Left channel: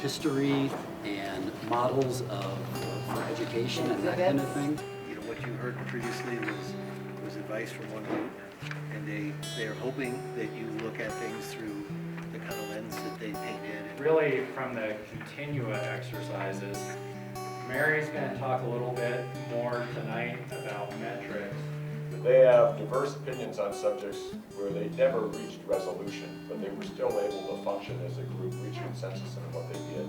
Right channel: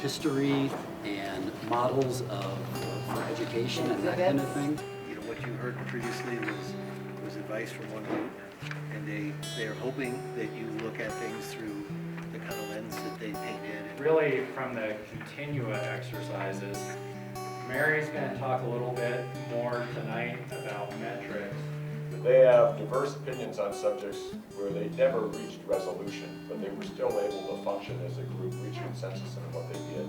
history and models for education and that kind of thing. You know, what you heard previously was advice from one group, and they're hoping that you look at things through the kind of lens that they painted. Really, from the continua exercises, Mary's going to talk a little bit more tonight about metrics. They have diverse opinions on subjects where they never reached resolution, but they were still able to function as a group, reach consensus on what they did,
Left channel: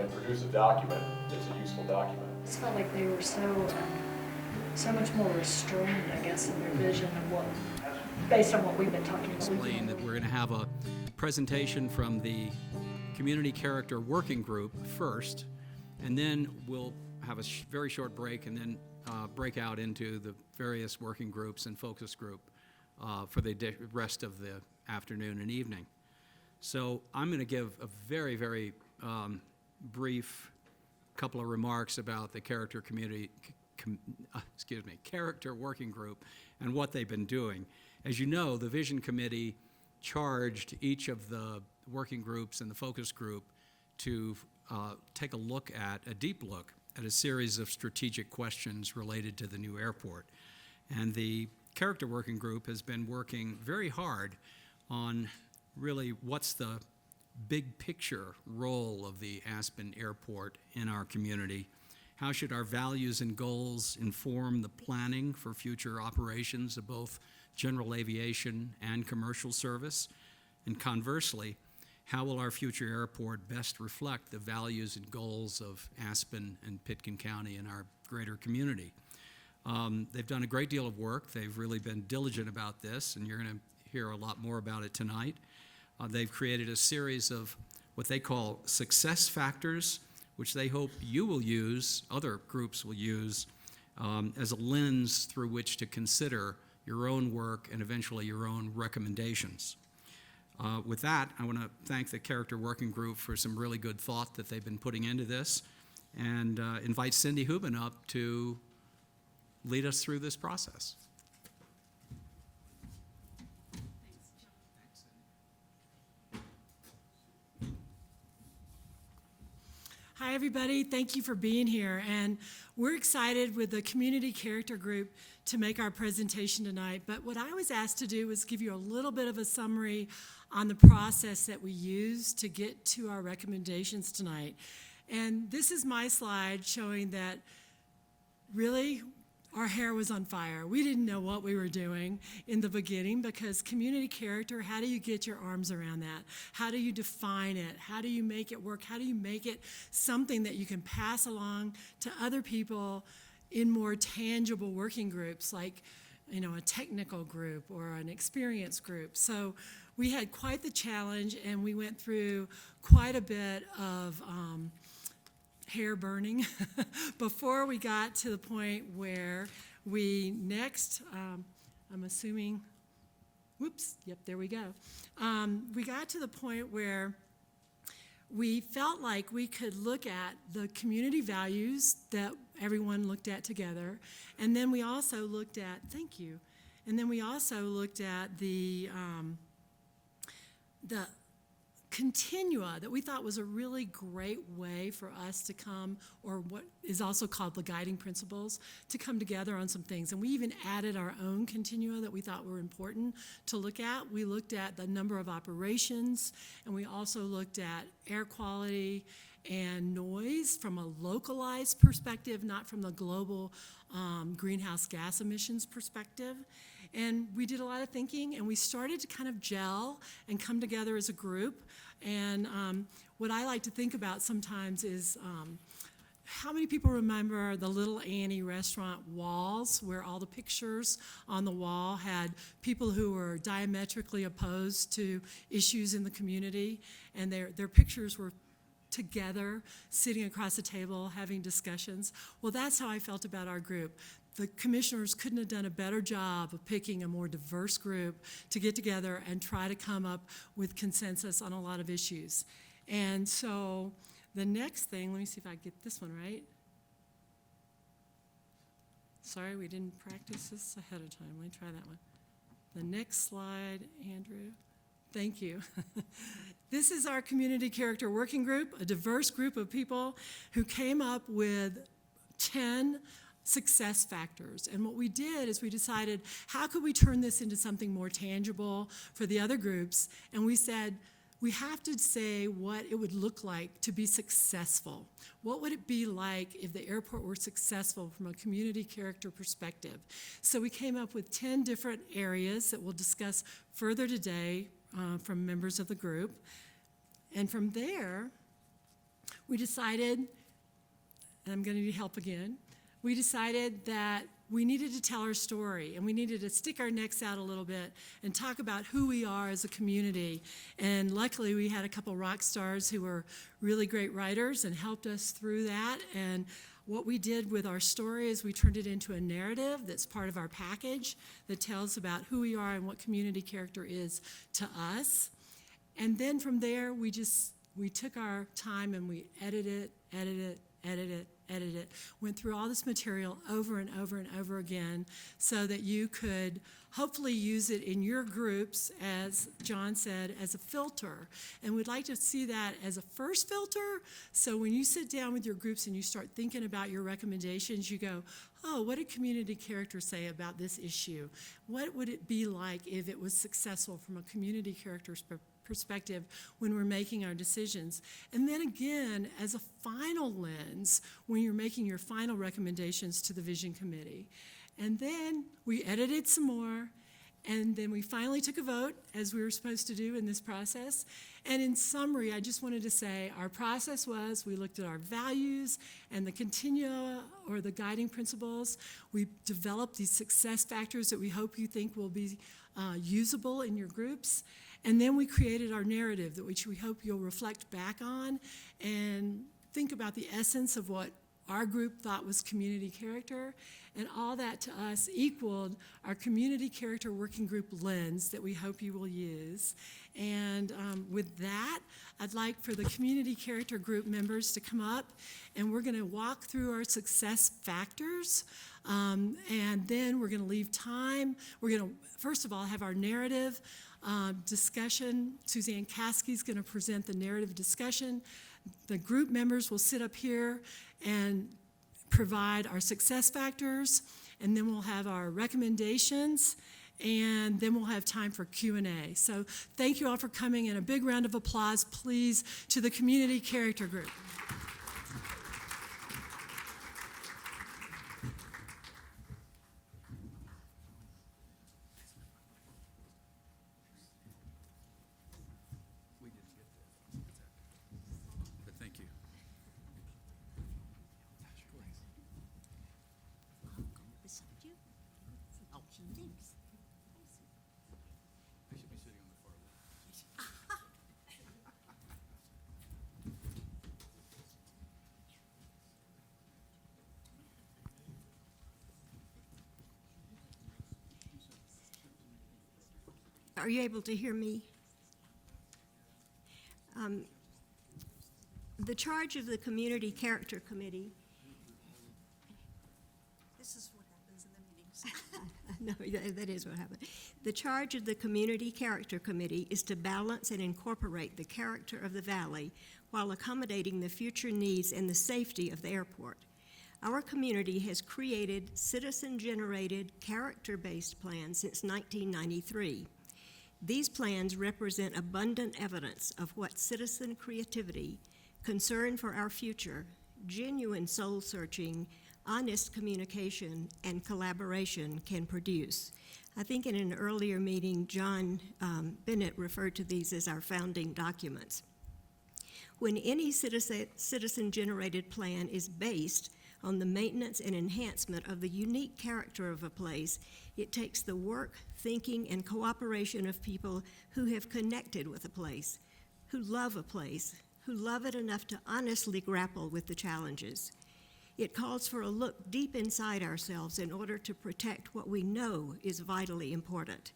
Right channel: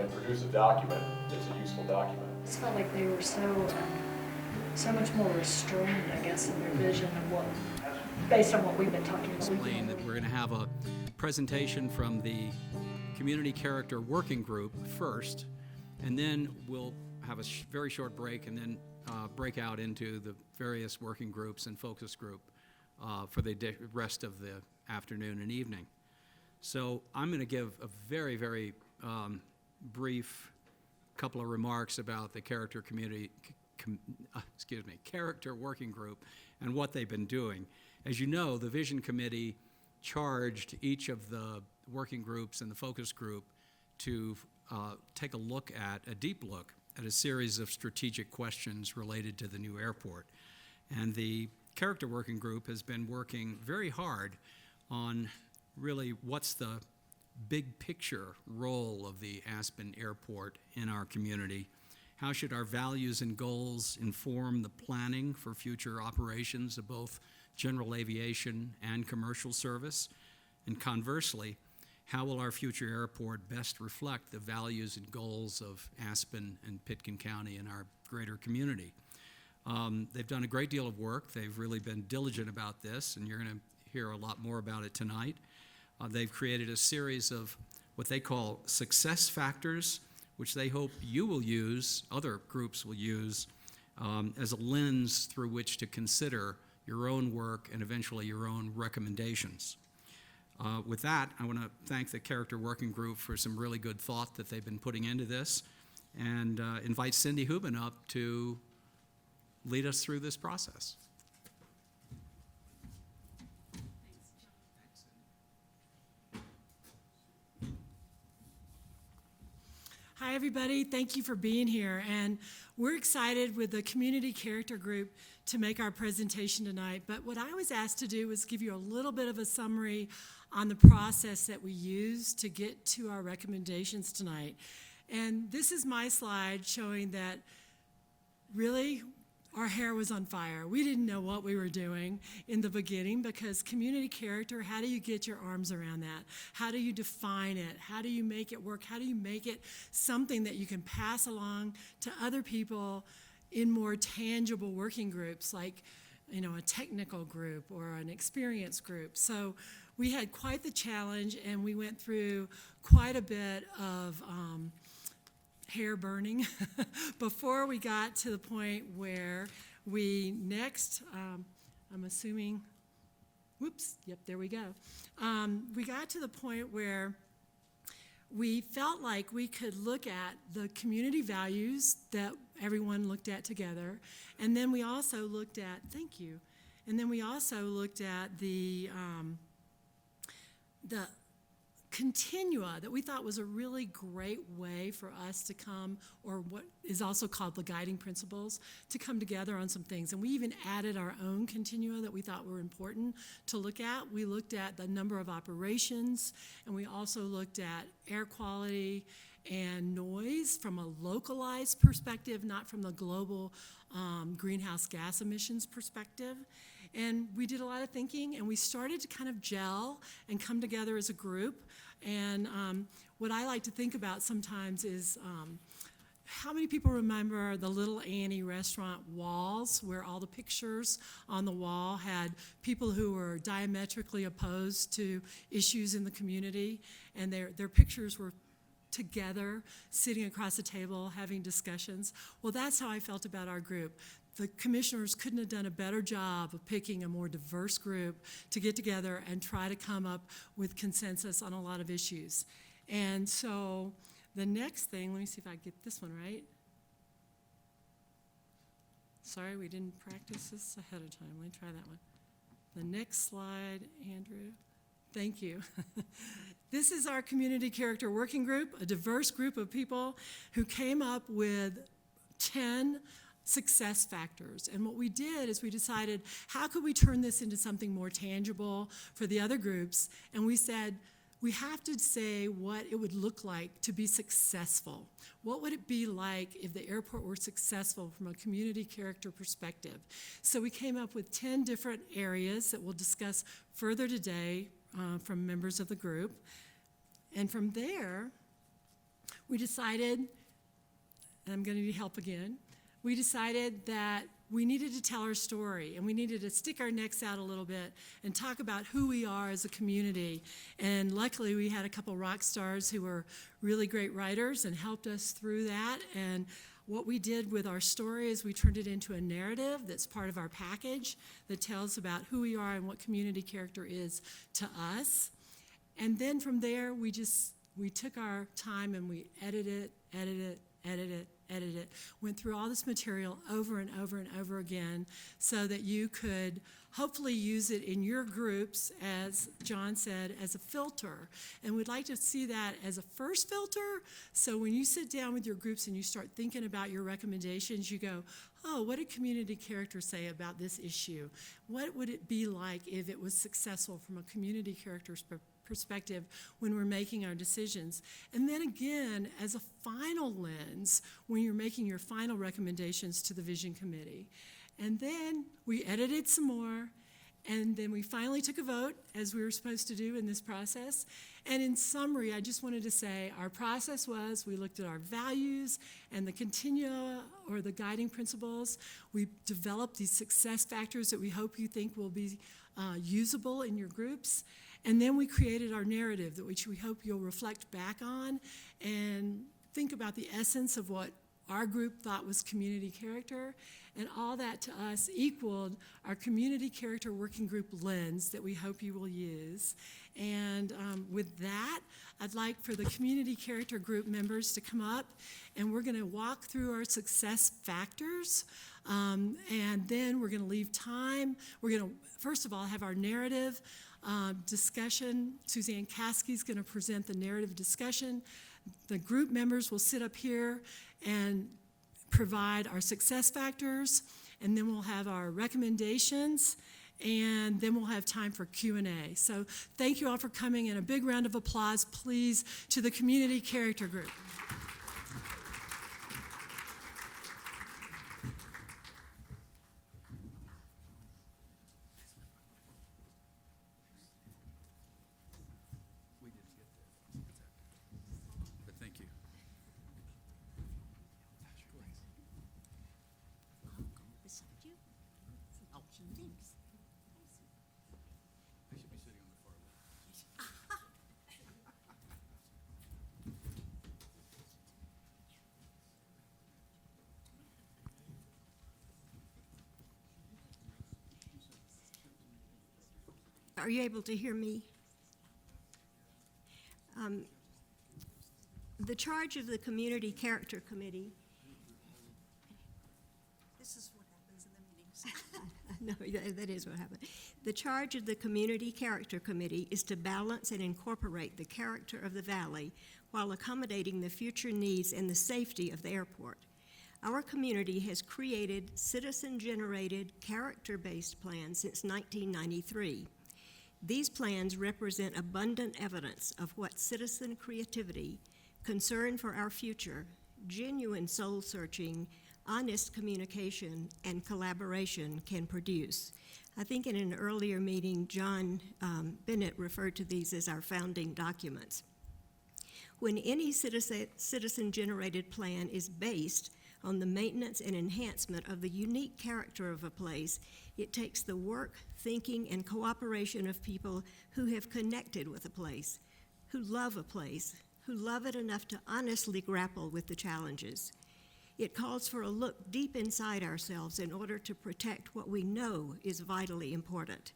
and produce a document that's a useful document. I just felt like they were so much more restrained, I guess, in their vision of what, based on what we've been talking about. That we're going to have a presentation from the Community Character Working Group first, and then we'll have a very short break, and then break out into the various working groups and focus group for the rest of the afternoon and evening. So I'm going to give a very, very brief couple of remarks about the Character Working Group and what they've been doing. As you know, the Vision Committee charged each of the working groups and the focus group to take a deep look at a series of strategic questions related to the new airport. And the Character Working Group has been working very hard on really what's the big picture role of the Aspen Airport in our community. How should our values and goals inform the planning for future operations of both general aviation and commercial service? And conversely, how will our future airport best reflect the values and goals of Aspen and Pitkin County and our greater community? They've done a great deal of work. They've really been diligent about this, and you're going to hear a lot more about it tonight. They've created a series of what they call success factors, which they hope you will use, other groups will use, as a lens through which to consider your own work and eventually your own recommendations. With that, I want to thank the Character Working Group for some really good thought that they've been putting into this, and invite Cindy Hubin up to lead us through this process. Hi, everybody. Thank you for being here. And we're excited with the Community Character Group to make our presentation tonight. But what I was asked to do was give you a little bit of a summary on the process that we use to get to our recommendations tonight. And this is my slide showing that really our hair was on fire. We didn't know what we were doing in the beginning, because community character, how do you get your arms around that? How do you define it? How do you make it work? How do you make it something that you can pass along to other people in more tangible working groups, like, you know, a technical group or an experience group? So we had quite the challenge, and we went through quite a bit of hair burning before we got to the point where we next, I'm assuming, whoops, yep, there we go. We got to the point where we felt like we could look at the community values that everyone looked at together, and then we also looked at, thank you, and then we also looked at the continua that we thought was a really great way for us to come, or what is also called the guiding principles, to come together on some things. And we even added our own continua that we thought were important to look at. We looked at the number of operations, and we also looked at air quality and noise from a localized perspective, not from the global greenhouse gas emissions perspective. And we did a lot of thinking, and we started to kind of gel and come together as a group. And what I like to think about sometimes is how many people remember the Little Annie restaurant walls, where all the pictures on the wall had people who were diametrically opposed to issues in the community, and their pictures were together, sitting across the table, having discussions? Well, that's how I felt about our group. The commissioners couldn't have done a better job of picking a more diverse group to get together and try to come up with consensus on a lot of issues. And so the next thing, let me see if I get this one right. Sorry, we didn't practice this ahead of time. Let me try that one. The next slide, Andrew. Thank you. This is our community character working group, a diverse group of people who came up with 10 success factors. And what we did is we decided, how could we turn this into something more tangible for the other groups? And we said, we have to say what it would look like to be successful. What would it be like if the airport were successful from a community character perspective? So we came up with 10 different areas that we'll discuss further today from members of the group. And from there, we decided, and I'm going to need help again, we decided that we needed to tell our story, and we needed to stick our necks out a little bit and talk about who we are as a community. And luckily, we had a couple rock stars who were really great writers and helped us through that. And what we did with our story is we turned it into a narrative that's part of our package that tells about who we are and what community character is to us. And then from there, we took our time and we edited it, went through all this material over and over and over again so that you could hopefully use it in your groups, as John said, as a filter. And we'd like to see that as a first filter. So when you sit down with your groups and you start thinking about your recommendations, you go, oh, what did community character say about this issue? What would it be like if it was successful from a community character perspective when we're making our decisions? And then again, as a final lens, when you're making your final recommendations to the vision committee. And then we edited some more, and then we finally took a vote, as we were supposed to do in this process. And in summary, I just wanted to say our process was we looked at our values and the continua, or the guiding principles. We developed these success factors that we hope you think will be usable in your groups. And then we created our narrative, which we hope you'll reflect back on and think about the essence of what our group thought was community character. And all that to us equaled our community character working group lens that we hope you will use. And with that, I'd like for the community character group members to come up, and we're going to walk through our success factors. And then we're going to leave time. We're going to, first of all, have our narrative discussion. Suzanne Caskey's going to present the narrative discussion. The group members will sit up here and provide our success factors, and then we'll have our recommendations, and then we'll have time for Q&A. So thank you all for coming, and a big round of applause, please, to the community character group. Thank you. Are you able to hear me? The charge of the Community Character Committee. This is what happens in the meetings. No, that is what happened. The charge of the Community Character Committee is to balance and incorporate the character of the Valley while accommodating the future needs and the safety of the airport. Our community has created citizen-generated, character-based plans since 1993. These plans represent abundant evidence of what citizen creativity, concern for our future, genuine soul-searching, honest communication, and collaboration can produce. I think in an earlier meeting, John Bennett referred to these as our founding documents. When any citizen-generated plan is based on the maintenance and enhancement of the unique character of a place, it takes the work, thinking, and cooperation of people who have connected with a place, who love it enough to honestly grapple with the challenges. It calls for a look deep inside ourselves in order to protect what we know is vitally important.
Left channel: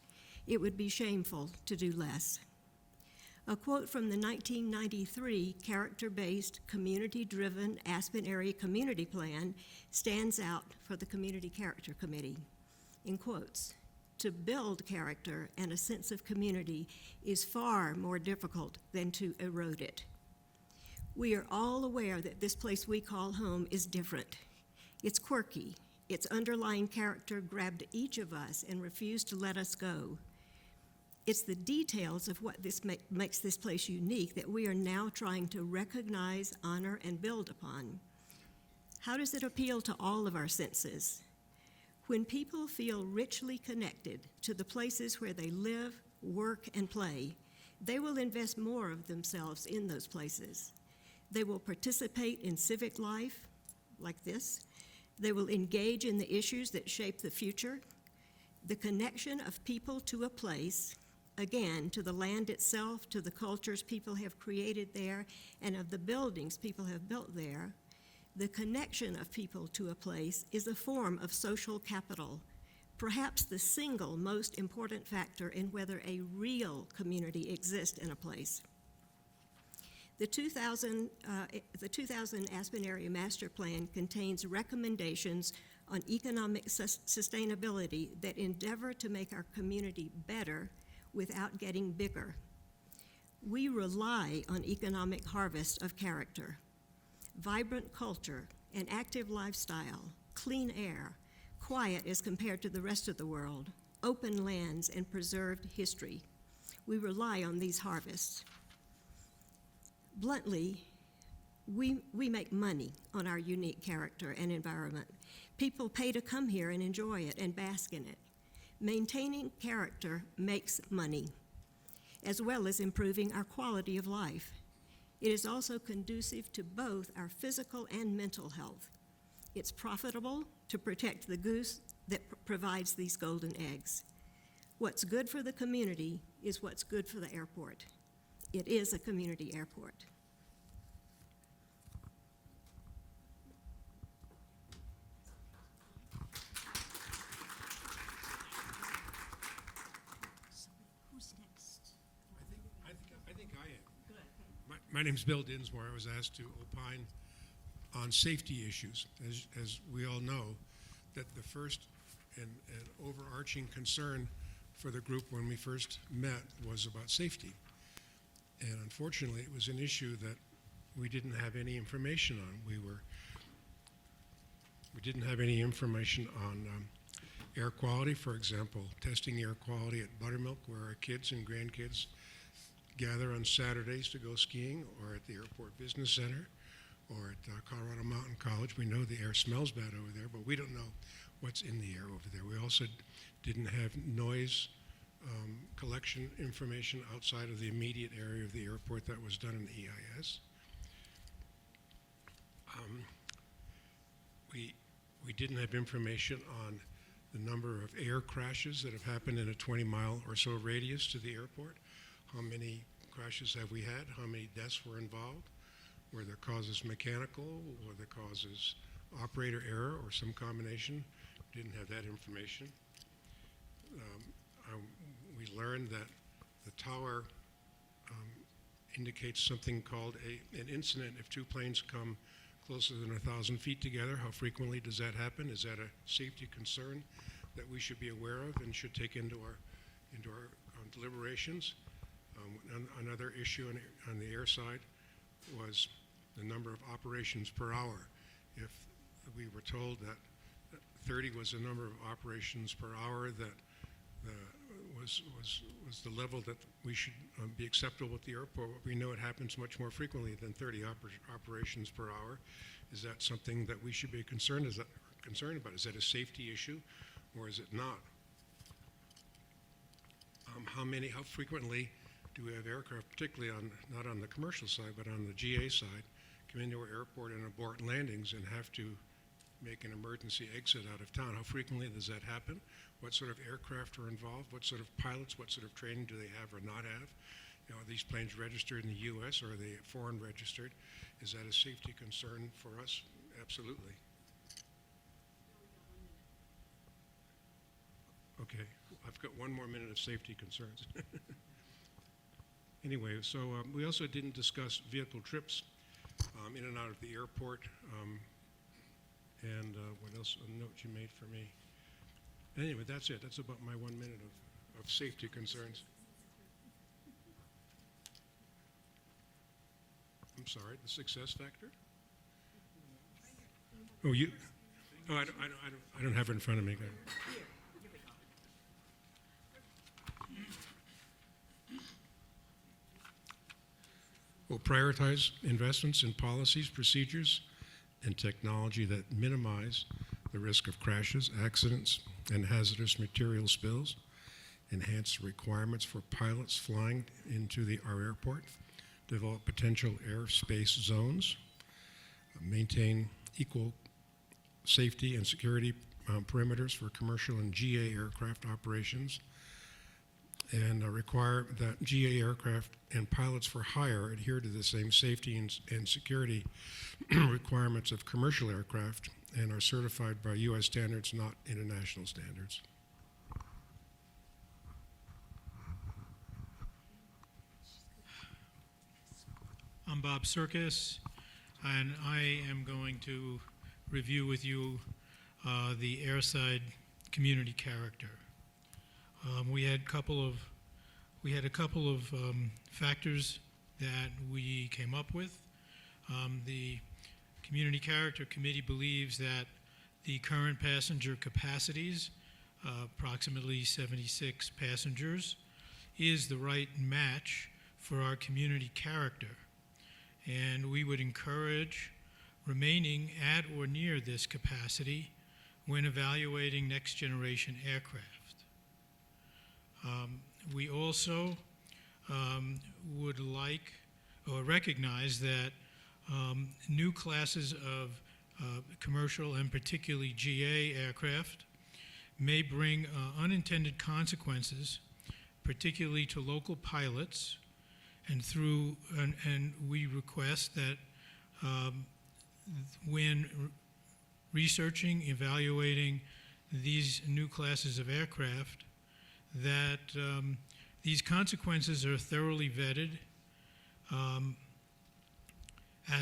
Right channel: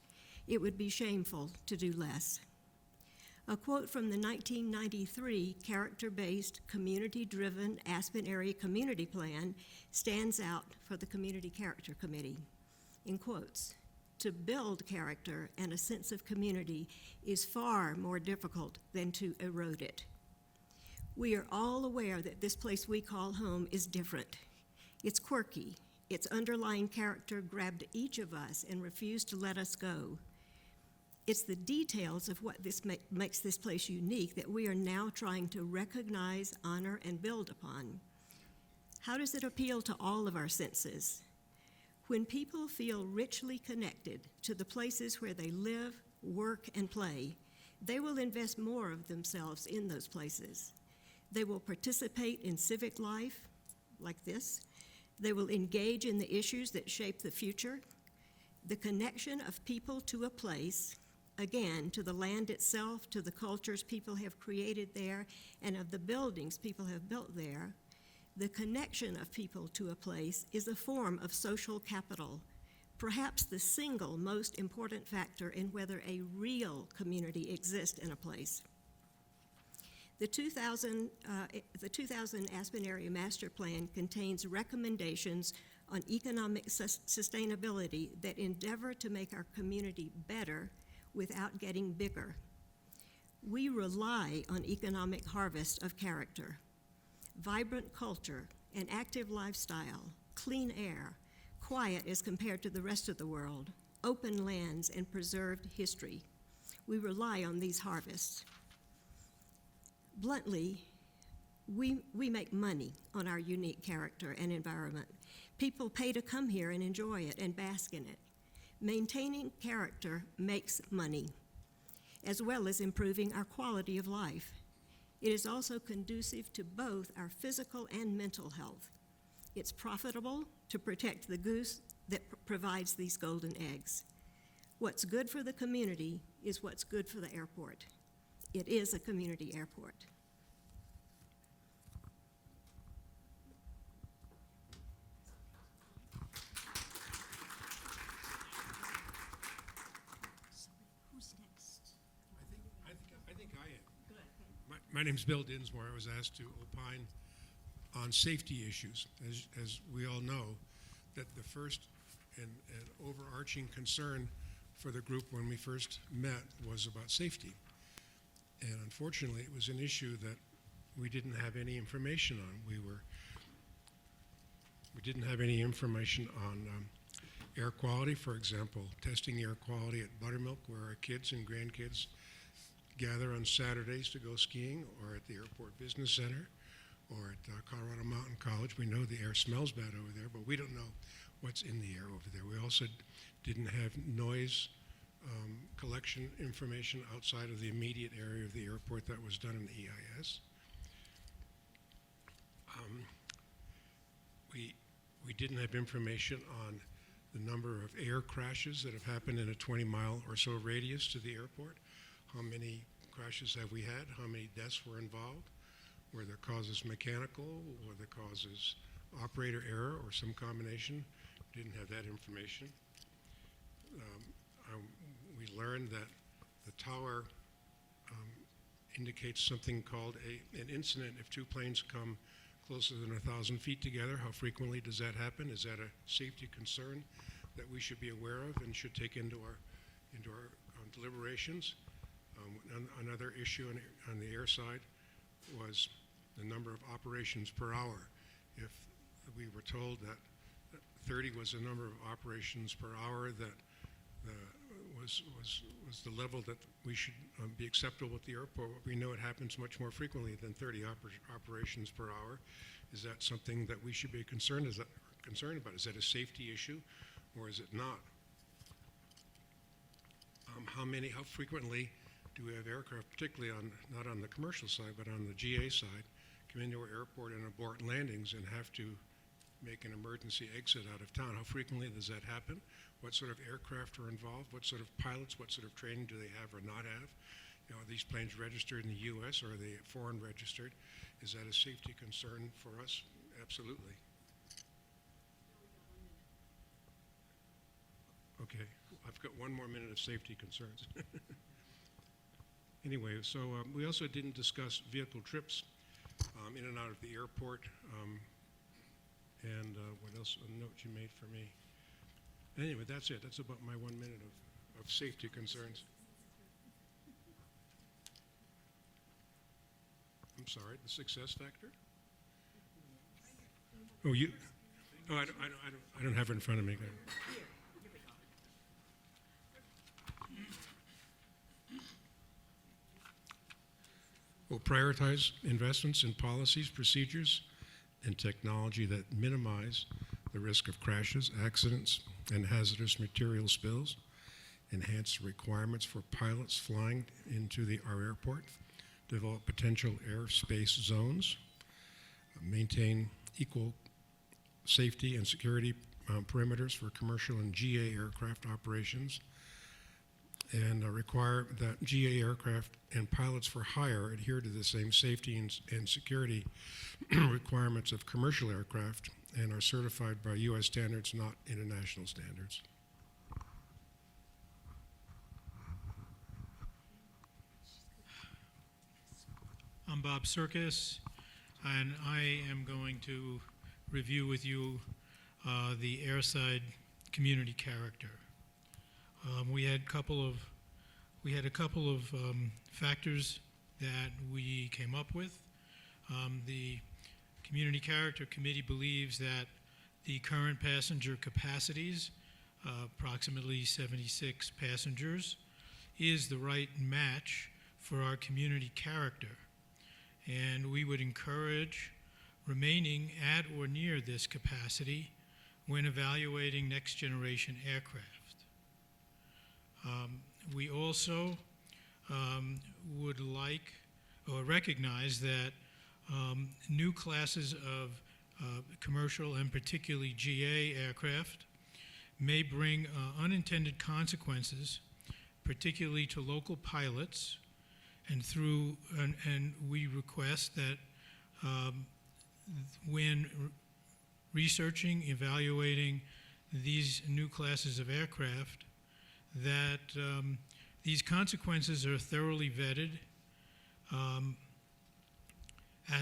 It would be shameful to do less. A quote from the 1993 character-based, community-driven Aspen Area Community Plan stands out for the Community Character Committee. In quotes, To build character and a sense of community is far more difficult than to erode it. We are all aware that this place we call home is different. It's quirky. Its underlying character grabbed each of us and refused to let us go. It's the details of what makes this place unique that we are now trying to recognize, honor, and build upon. How does it appeal to all of our senses? When people feel richly connected to the places where they live, work, and play, they will invest more of themselves in those places. They will participate in civic life, like this. They will engage in the issues that shape the future. The connection of people to a place, again, to the land itself, to the cultures people have created there, and of the buildings people have built there. The connection of people to a place is a form of social capital, perhaps the single most important factor in whether a real community exists in a place. The 2000 Aspen Area Master Plan contains recommendations on economic sustainability that endeavor to make our community better without getting bigger. We rely on economic harvest of character. Vibrant culture, an active lifestyle, clean air, quiet as compared to the rest of the world, open lands, and preserved history. We rely on these harvests. Bluntly, we make money on our unique character and environment. People pay to come here and enjoy it and bask in it. Maintaining character makes money, as well as improving our quality of life. It is also conducive to both our physical and mental health. It's profitable to protect the goose that provides these golden eggs. What's good for the community is what's good for the airport. It is a community airport. Who's next? I think I am. My name's Bill Dinsmore. I was asked to opine on safety issues. As we all know, that the first and overarching concern for the group when we first met was about safety. And unfortunately, it was an issue that we didn't have any information on. We didn't have any information on air quality, for example, testing air quality at Buttermilk, where our kids and grandkids gather on Saturdays to go skiing, or at the Airport Business Center, or at Colorado Mountain College. We know the air smells bad over there, but we don't know what's in the air over there. We also didn't have noise collection information outside of the immediate area of the airport that was done in the EIS. We didn't have information on the number of air crashes that have happened in a 20-mile or so radius to the airport. How many crashes have we had? How many deaths were involved? Were the causes mechanical? Were the causes operator error or some combination? Didn't have that information. We learned that the tower indicates something called an incident if two planes come closer than 1,000 feet together. How frequently does that happen? Is that a safety concern that we should be aware of and should take into our deliberations? Another issue on the air side was the number of operations per hour. If we were told that 30 was the number of operations per hour that was the level that we should be acceptable at the airport, we know it happens much more frequently than 30 operations per hour. Is that something that we should be concerned about? Is that a safety issue, or is it not? How frequently do we have aircraft, particularly not on the commercial side, but on the GA side, come into our airport and abort landings and have to make an emergency exit out of town? How frequently does that happen? What sort of aircraft are involved? What sort of pilots, what sort of training do they have or not have? Are these planes registered in the U.S. or are they foreign registered? Is that a safety concern for us? Absolutely. Okay, I've got one more minute of safety concerns. Anyway, so we also didn't discuss vehicle trips in and out of the airport. And what else? A note you made for me. Anyway, that's it. That's about my 1 minute of safety concerns. I'm sorry, the success factor? Oh, you, oh, I don't have it in front of me. We'll prioritize investments in policies, procedures, and technology that minimize the risk of crashes, accidents, and hazardous material spills, enhance requirements for pilots flying into our airport, develop potential airspace zones, maintain equal safety and security perimeters for commercial and GA aircraft operations, and require that GA aircraft and pilots for hire adhere to the same safety and security requirements of commercial aircraft and are certified by U.S. standards, not international standards. I'm Bob Circus, and I am going to review with you the airside community character. We had a couple of factors that we came up with. The Community Character Committee believes that the current passenger capacities, approximately 76 passengers, is the right match for our community character. And we would encourage remaining at or near this capacity when evaluating next generation aircraft. We also would like or recognize that new classes of commercial and particularly GA aircraft may bring unintended consequences, particularly to local pilots, and we request that when researching, evaluating these new classes of aircraft, that these consequences are thoroughly vetted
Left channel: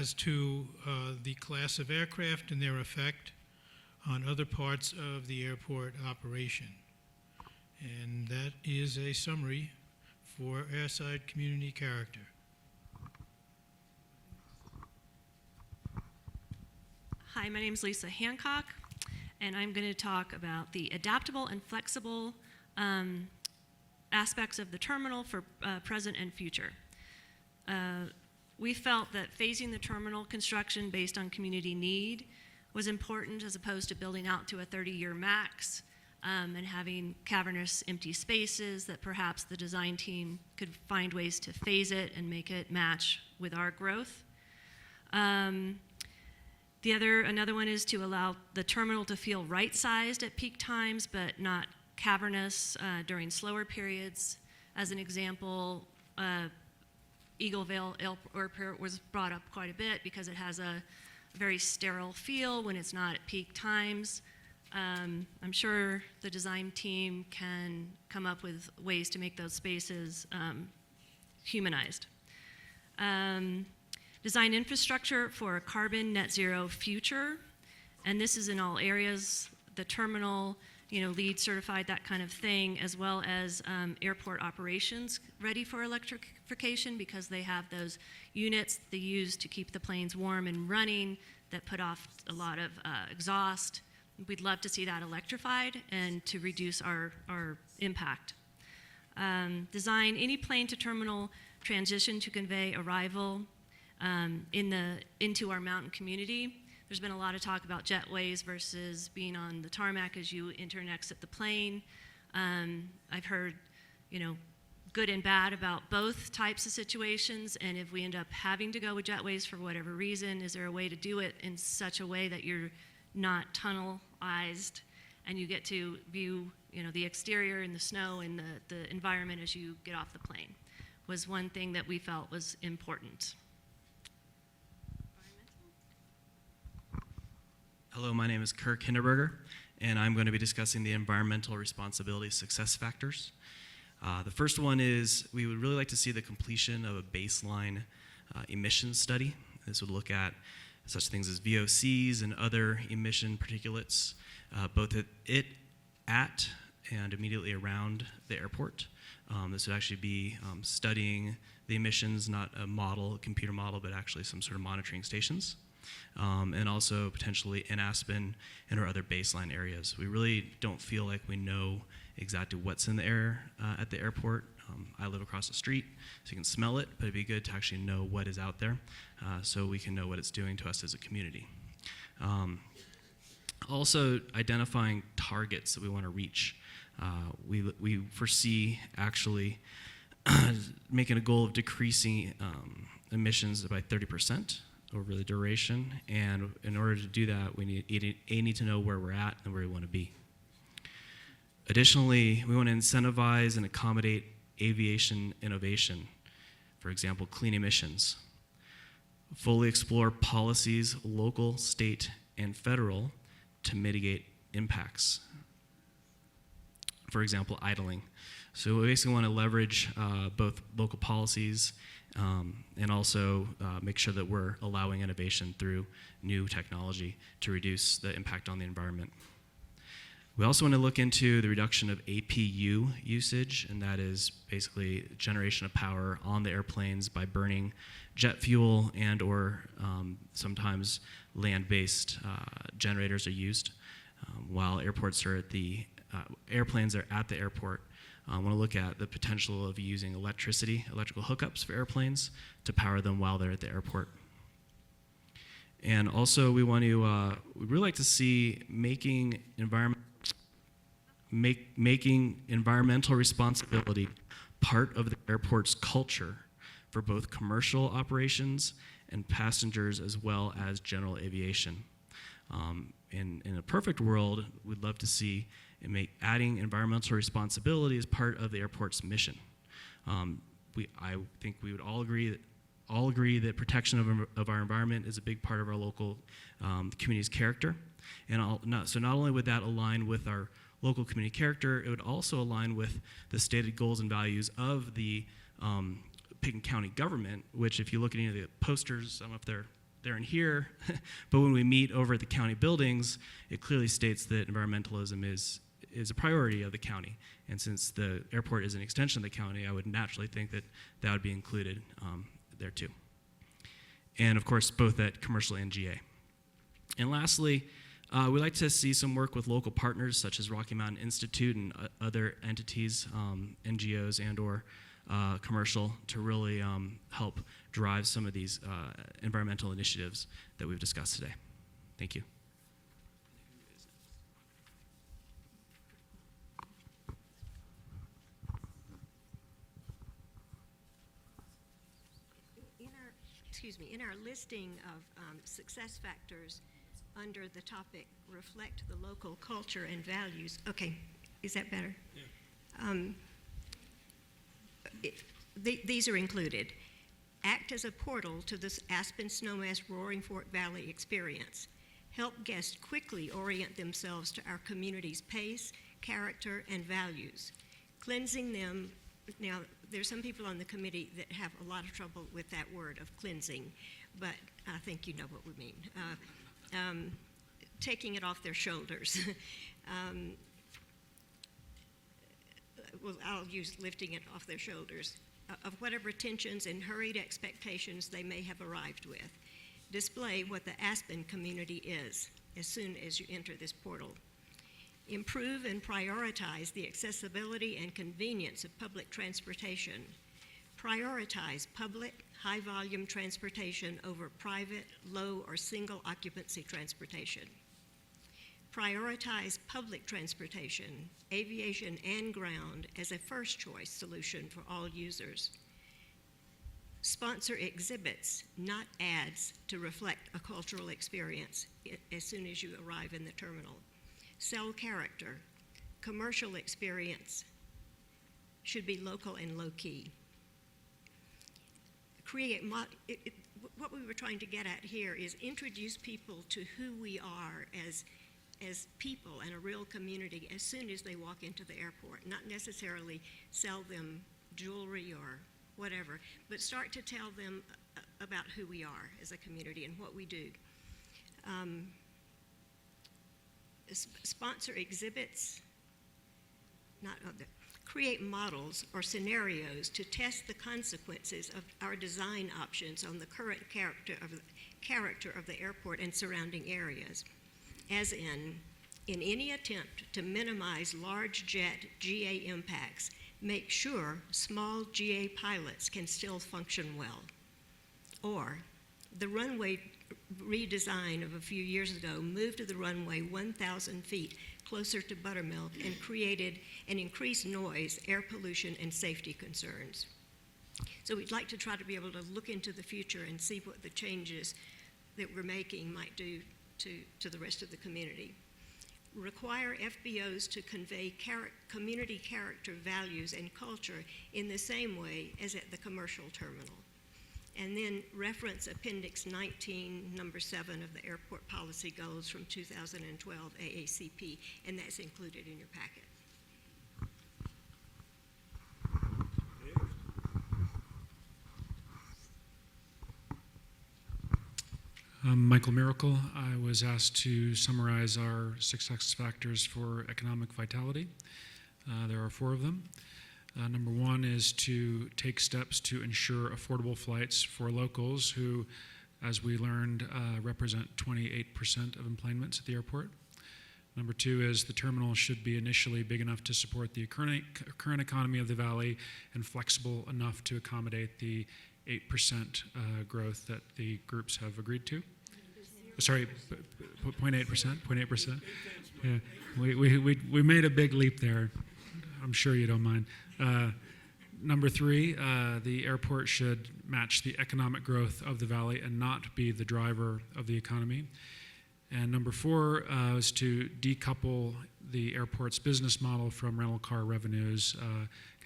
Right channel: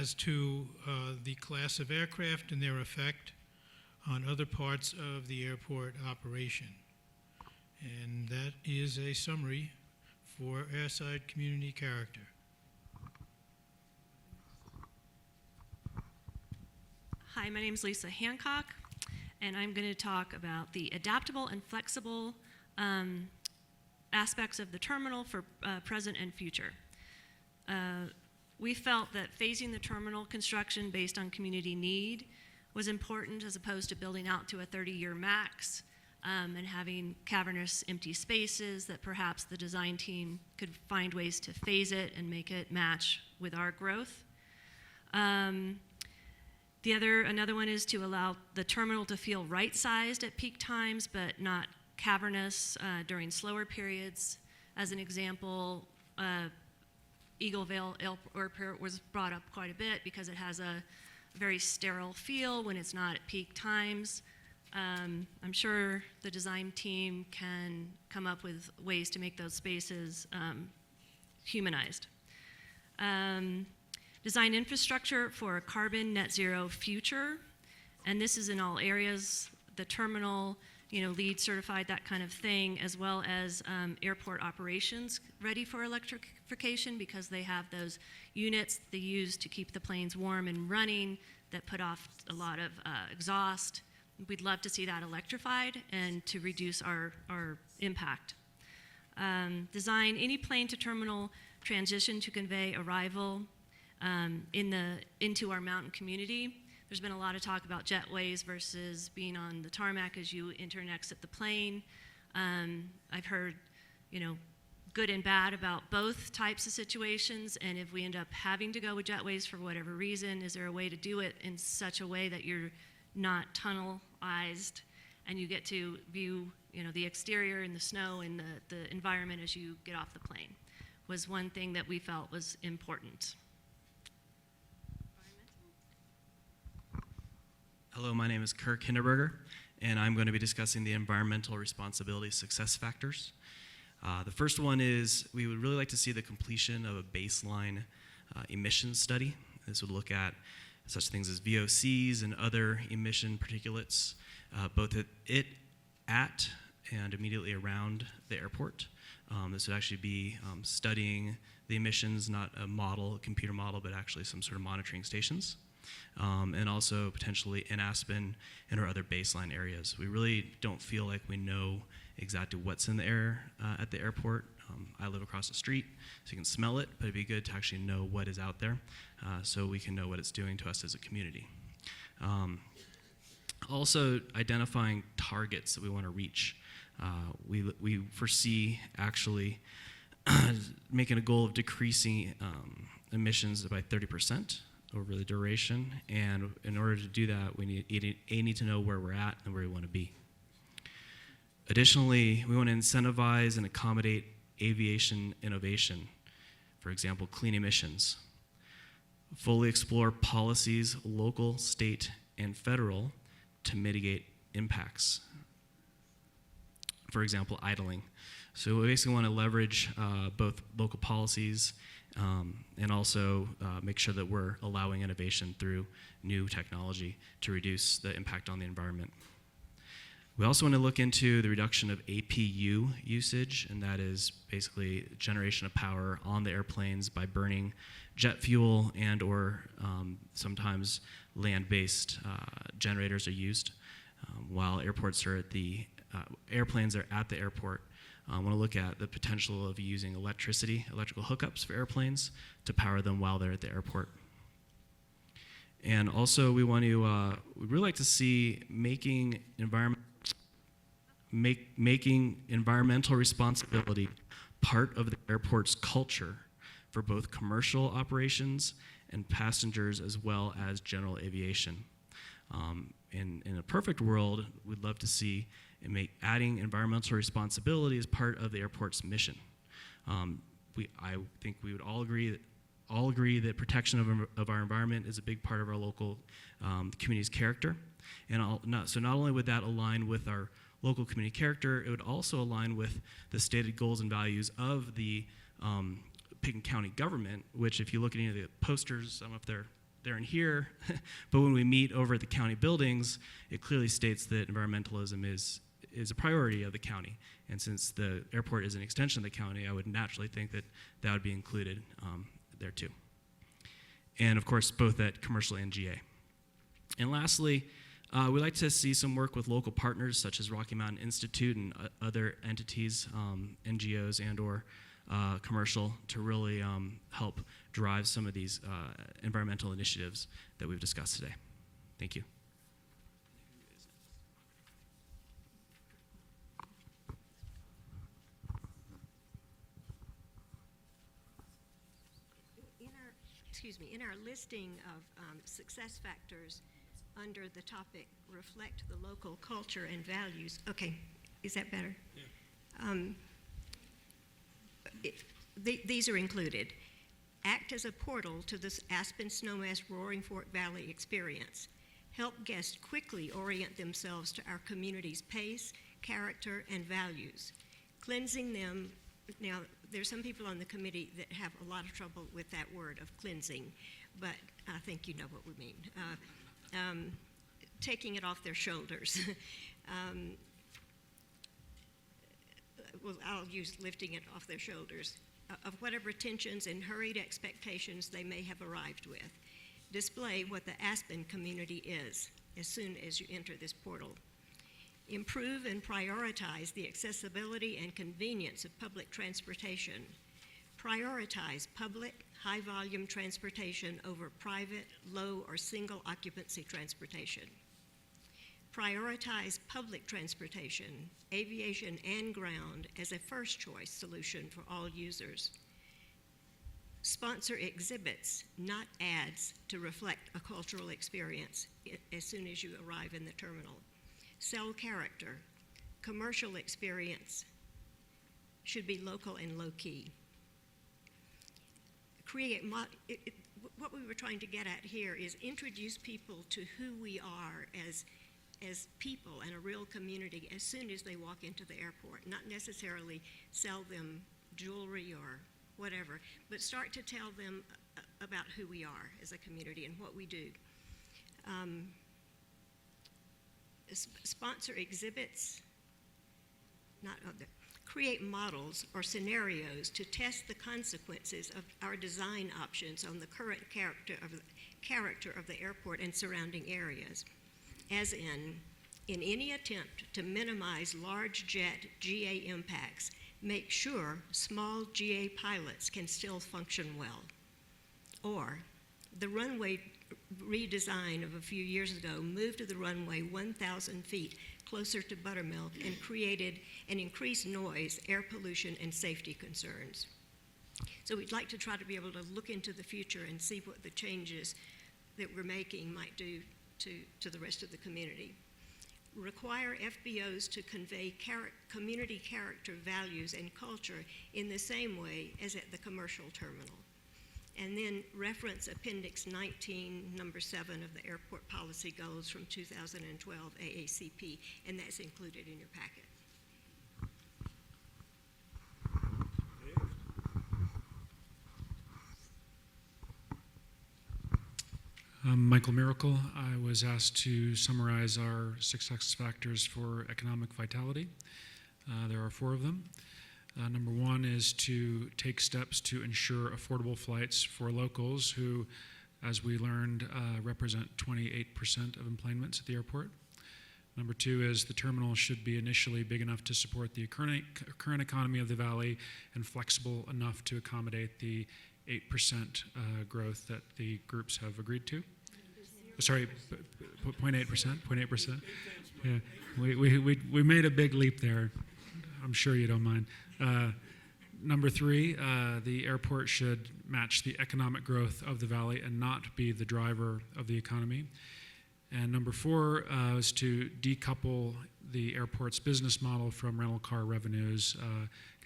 as to the class of aircraft and their effect on other parts of the airport operation. And that is a summary for airside community character. Hi, my name is Lisa Hancock, and I'm going to talk about the adaptable and flexible aspects of the terminal for present and future. We felt that phasing the terminal construction based on community need was important as opposed to building out to a 30-year max and having cavernous empty spaces that perhaps the design team could find ways to phase it and make it match with our growth. Another one is to allow the terminal to feel right-sized at peak times, but not cavernous during slower periods. As an example, Eagleville Airport was brought up quite a bit because it has a very sterile feel when it's not at peak times. I'm sure the design team can come up with ways to make those spaces humanized. Design infrastructure for a carbon net zero future, and this is in all areas, the terminal, LEED certified, that kind of thing, as well as airport operations ready for electrification because they have those units they use to keep the planes warm and running that put off a lot of exhaust. We'd love to see that electrified and to reduce our impact. Design any plane to terminal transition to convey arrival into our mountain community. There's been a lot of talk about jetways versus being on the tarmac as you enter and exit the plane. I've heard, good and bad about both types of situations, and if we end up having to go with jetways for whatever reason, is there a way to do it in such a way that you're not tunnelized and you get to view, the exterior and the snow and the environment as you get off the plane, was one thing that we felt was important. Hello, my name is Kirk Hinderberger, and I'm going to be discussing the environmental responsibility success factors. The first one is we would really like to see the completion of a baseline emissions study. This would look at such things as VOCs and other emission particulates, both at at and immediately around the airport. This would actually be studying the emissions, not a model, a computer model, but actually some sort of monitoring stations. And also potentially in Aspen and or other baseline areas. We really don't feel like we know exactly what's in the air at the airport. I live across the street, so you can smell it, but it'd be good to actually know what is out there so we can know what it's doing to us as a community. Also identifying targets that we want to reach. We foresee actually making a goal of decreasing emissions by 30% over the duration, and in order to do that, we need to know where we're at and where we want to be. Additionally, we want to incentivize and accommodate aviation innovation, for example, clean emissions. Fully explore policies, local, state, and federal, to mitigate impacts. For example, idling. So we basically want to leverage both local policies and also make sure that we're allowing innovation through new technology to reduce the impact on the environment. We also want to look into the reduction of APU usage, and that is basically generation of power on the airplanes by burning jet fuel and or sometimes land-based generators are used while airports are at the airplanes are at the airport. I want to look at the potential of using electrical hookups for airplanes to power them while they're at the airport. And also we want to, we'd really like to see making environmental responsibility part of the airport's culture for both commercial operations and passengers as well as general aviation. In a perfect world, we'd love to see adding environmental responsibility as part of the airport's mission. I think we would all agree that protection of our environment is a big part of our local community's character. And so not only would that align with our local community character, it would also align with the stated goals and values of the Pickens County government, which if you look at any of the posters, some of they're in here, but when we meet over at the county buildings, it clearly states that environmentalism is a priority of the county. And since the airport is an extension of the county, I would naturally think that that would be included there too. And of course, both at commercial and GA. And lastly, we'd like to see some work with local partners such as Rocky Mountain Institute and other entities, NGOs and or commercial, to really help drive some of these environmental initiatives that we've discussed today. Thank you. In our listing of success factors under the topic reflect the local culture and values. Okay, is that better? Yeah. These are included. Act as a portal to this Aspen Snowmass Roaring Fork Valley experience. Help guests quickly orient themselves to our community's pace, character, and values. Cleansing them. Now, there's some people on the committee that have a lot of trouble with that word of cleansing, but I think you know what we mean. Taking it off their shoulders. Well, I'll use lifting it off their shoulders, of whatever tensions and hurried expectations they may have arrived with. Display what the Aspen community is as soon as you enter this portal. Improve and prioritize the accessibility and convenience of public transportation. Prioritize public, high-volume transportation over private, low, or single-occupancy transportation. Prioritize public transportation, aviation and ground, as a first-choice solution for all users. Sponsor exhibits, not ads, to reflect a cultural experience as soon as you arrive in the terminal. Sell character. Commercial experience should be local and low-key. What we were trying to get at here is introduce people to who we are as people and a real community as soon as they walk into the airport, not necessarily sell them jewelry or whatever, but start to tell them about who we are as a community and what we do. Sponsor exhibits not other, create models or scenarios to test the consequences of our design options on the current character of the airport and surrounding areas, as in any attempt to minimize large jet GA impacts, make sure small GA pilots can still function well. Or the runway redesign of a few years ago moved the runway 1,000 feet closer to Buttermilk and created an increased noise, air pollution, and safety concerns. So we'd like to try to be able to look into the future and see what the changes that we're making might do to the rest of the community. Require FBOs to convey community character, values, and culture in the same way as at the commercial terminal. And then reference Appendix 19, number 7 of the Airport Policy Goals from 2012 AACP, and that's included in your packet. Michael Miracle. I was asked to summarize our success factors for economic vitality. There are 4 of them. Number 1 is to take steps to ensure affordable flights for locals who, as we learned, represent 28% of employments at the airport. Number 2 is the terminal should be initially big enough to support the current economy of the valley and flexible enough to accommodate the 8% growth that the groups have agreed to. Sorry, 0.8%. Yeah, we made a big leap there. I'm sure you don't mind. Number 3, the airport should match the economic growth of the valley and not be the driver of the economy. And number 4 is to decouple the airport's business model from rental car revenues,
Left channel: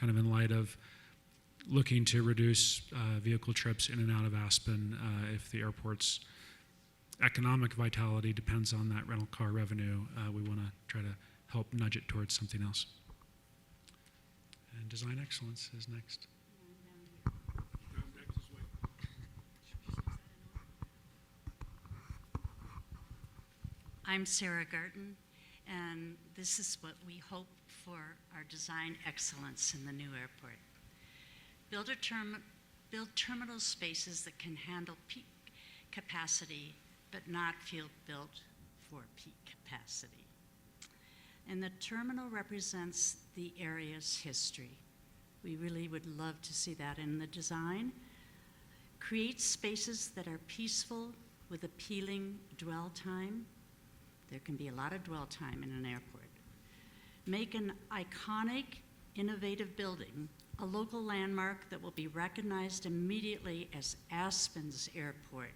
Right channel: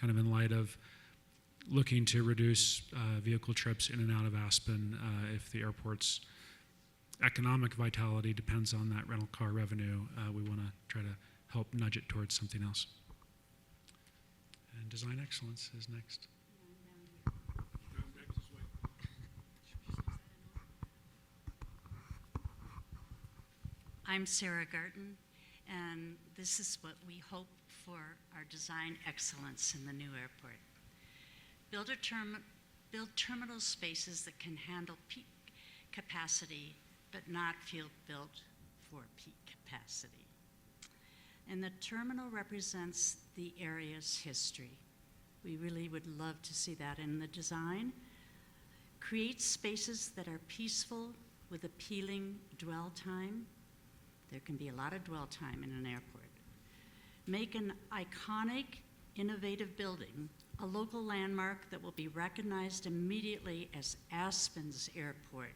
kind of in light of looking to reduce vehicle trips in and out of Aspen if the airport's economic vitality depends on that rental car revenue. We want to try to help nudge it towards something else. And design excellence is next. I'm Sarah Garten, and this is what we hope for our design excellence in the new airport. Build terminal spaces that can handle peak capacity, but not feel built for peak capacity. And the terminal represents the area's history. We really would love to see that in the design. Create spaces that are peaceful with appealing dwell time. There can be a lot of dwell time in an airport. Make an iconic, innovative building, a local landmark that will be recognized immediately as Aspen's airport,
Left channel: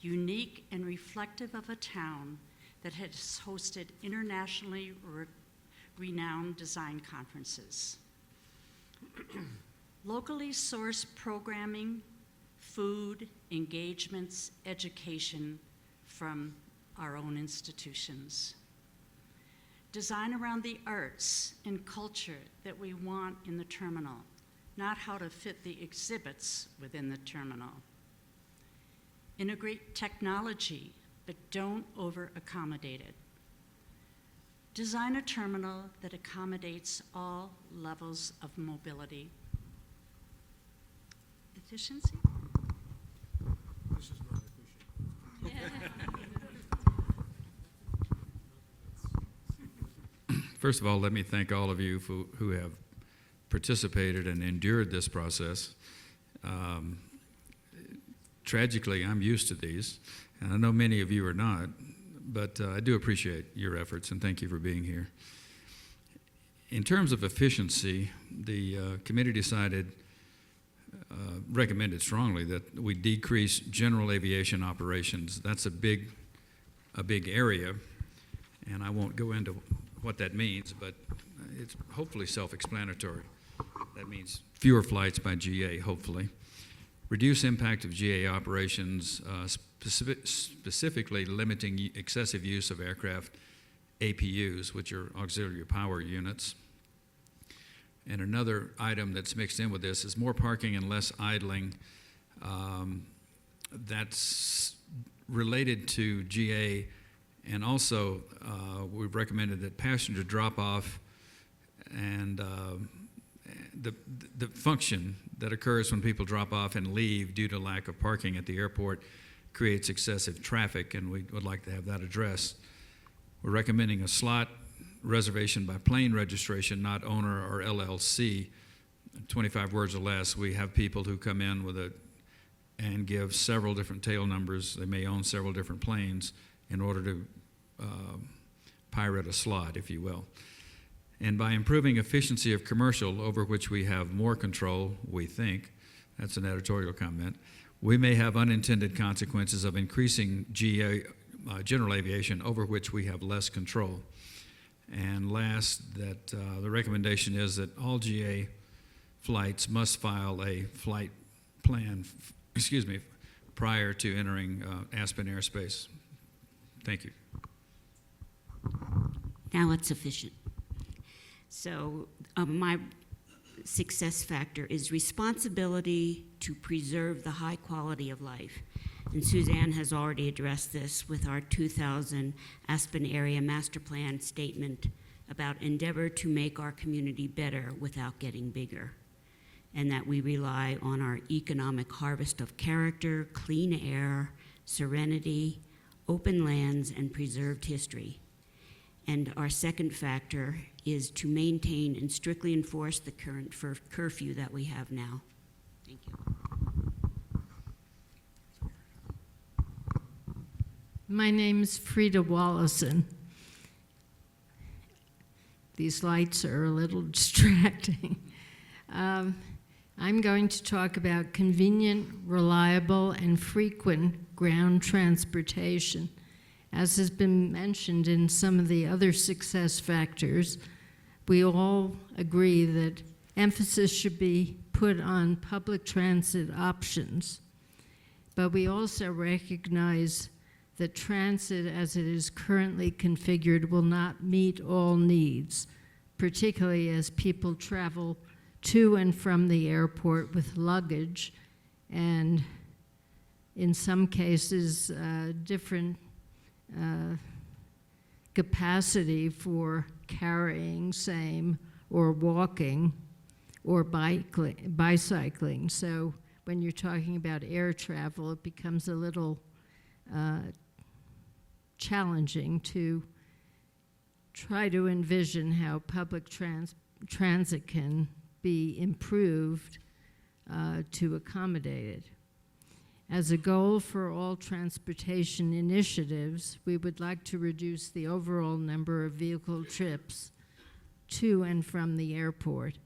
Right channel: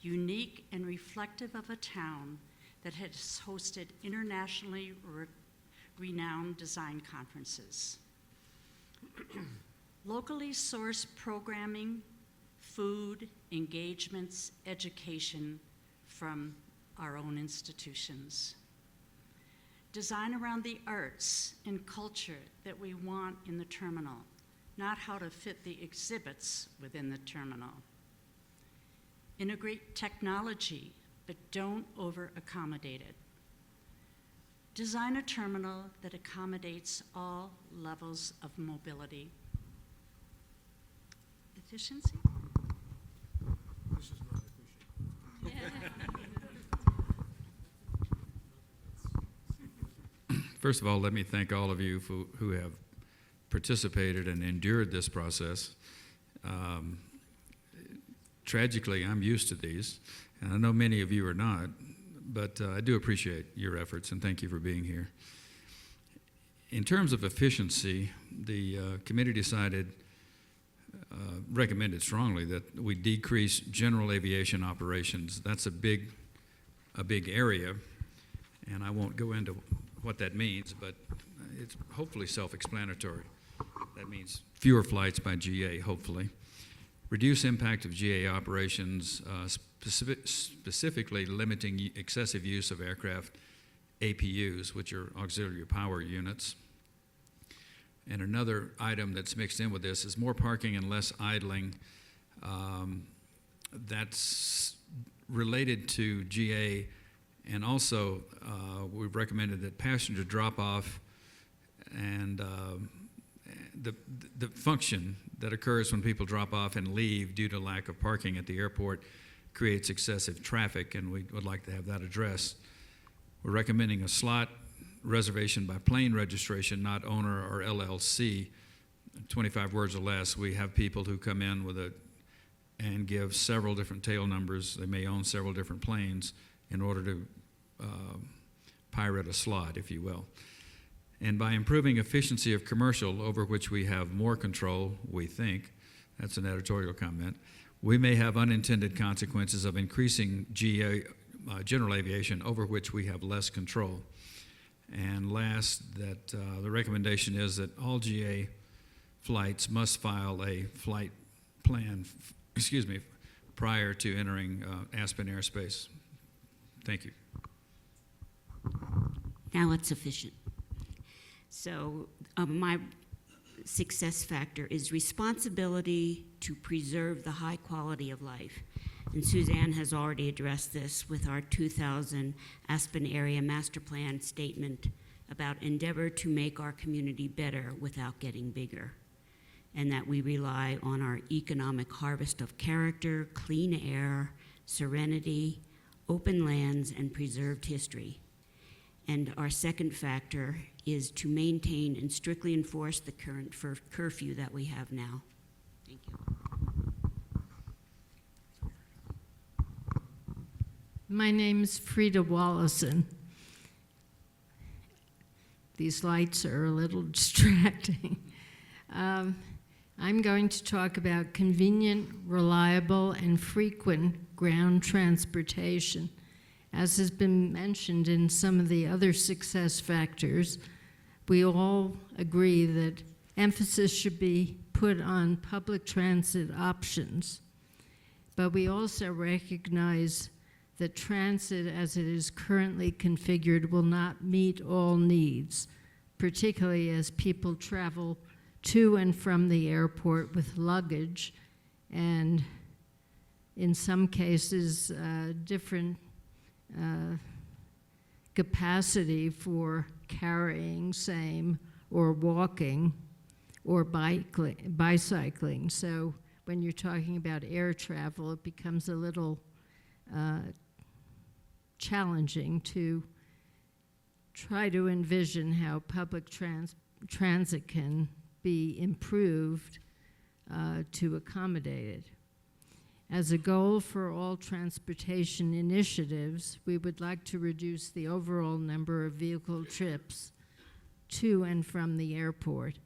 unique and reflective of a town that has hosted internationally renowned design conferences. Locally sourced programming, food, engagements, education from our own institutions. Design around the arts and culture that we want in the terminal, not how to fit the exhibits within the terminal. Integrate technology, but don't over-accommodate it. Design a terminal that accommodates all levels of mobility. Efficiency? This is not efficient. First of all, let me thank all of you who have participated and endured this process. Tragically, I'm used to these, and I know many of you are not, but I do appreciate your efforts, and thank you for being here. In terms of efficiency, the committee recommended strongly that we decrease general aviation operations. That's a big area, and I won't go into what that means, but it's hopefully self-explanatory. That means fewer flights by GA, hopefully. Reduce impact of GA operations, specifically limiting excessive use of aircraft APUs, which are auxiliary power units. And another item that's mixed in with this is more parking and less idling. That's related to GA, and also we've recommended that passenger drop-off and the function that occurs when people drop off and leave due to lack of parking at the airport creates excessive traffic, and we would like to have that addressed. We're recommending a slot reservation by plane registration, not owner or LLC, 25 words or less. We have people who come in and give several different tail numbers. They may own several different planes in order to pirate a slot, if you will. And by improving efficiency of commercial, over which we have more control, we think, that's an editorial comment, we may have unintended consequences of increasing general aviation, over which we have less control. And last, that the recommendation is that all GA flights must file a flight plan, prior to entering Aspen airspace. Thank you. Now it's sufficient. So my success factor is responsibility to preserve the high quality of life. And Suzanne has already addressed this with our 2000 Aspen Area Master Plan statement about endeavor to make our community better without getting bigger, and that we rely on our economic harvest of character, clean air, serenity, open lands, and preserved history. And our second factor is to maintain and strictly enforce the current curfew that we have now. Thank you. My name's Frida Wallison. These lights are a little distracting. I'm going to talk about convenient, reliable, and frequent ground transportation. As has been mentioned in some of the other success factors, we all agree that emphasis should be put on public transit options. But we also recognize that transit as it is currently configured will not meet all needs, particularly as people travel to and from the airport with luggage and in some cases different capacity for carrying, same, or walking or bicycling. So when you're talking about air travel, it becomes a little challenging to try to envision how public transit can be improved to accommodate it. As a goal for all transportation initiatives, we would like to reduce the overall number of vehicle trips to and from the airport.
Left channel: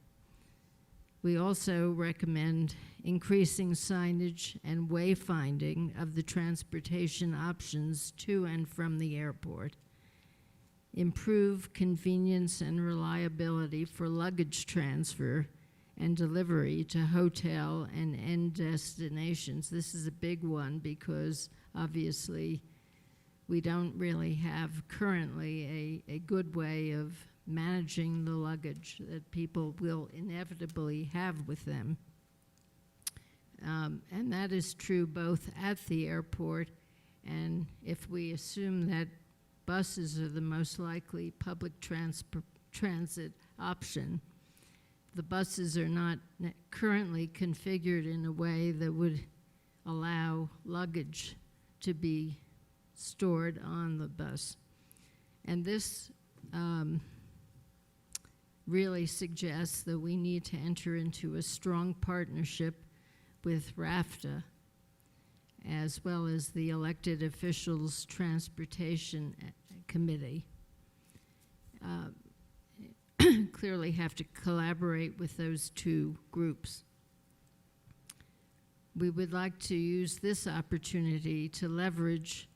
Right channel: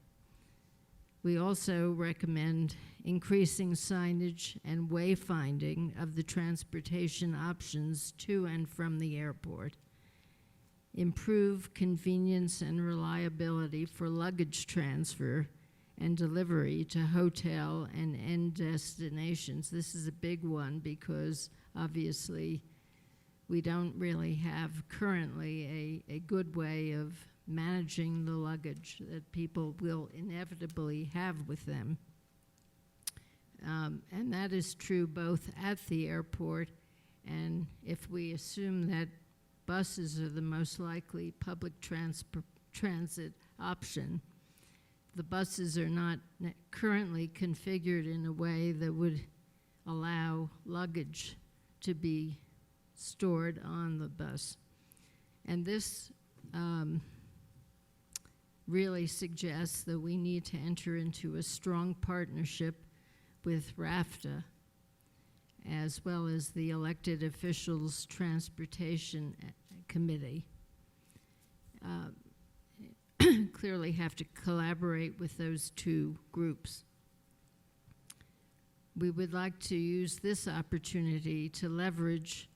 We also recommend increasing signage and wayfinding of the transportation options to and from the airport. Improve convenience and reliability for luggage transfer and delivery to hotel and end destinations. This is a big one because obviously we don't really have currently a good way of managing the luggage that people will inevitably have with them. And that is true both at the airport, and if we assume that buses are the most likely public transit option, the buses are not currently configured in a way that would allow luggage to be stored on the bus. And this really suggests that we need to enter into a strong partnership with RAFTA, as well as the Elected Officials Transportation Committee. Clearly have to collaborate with those two groups. We would like to use this opportunity to leverage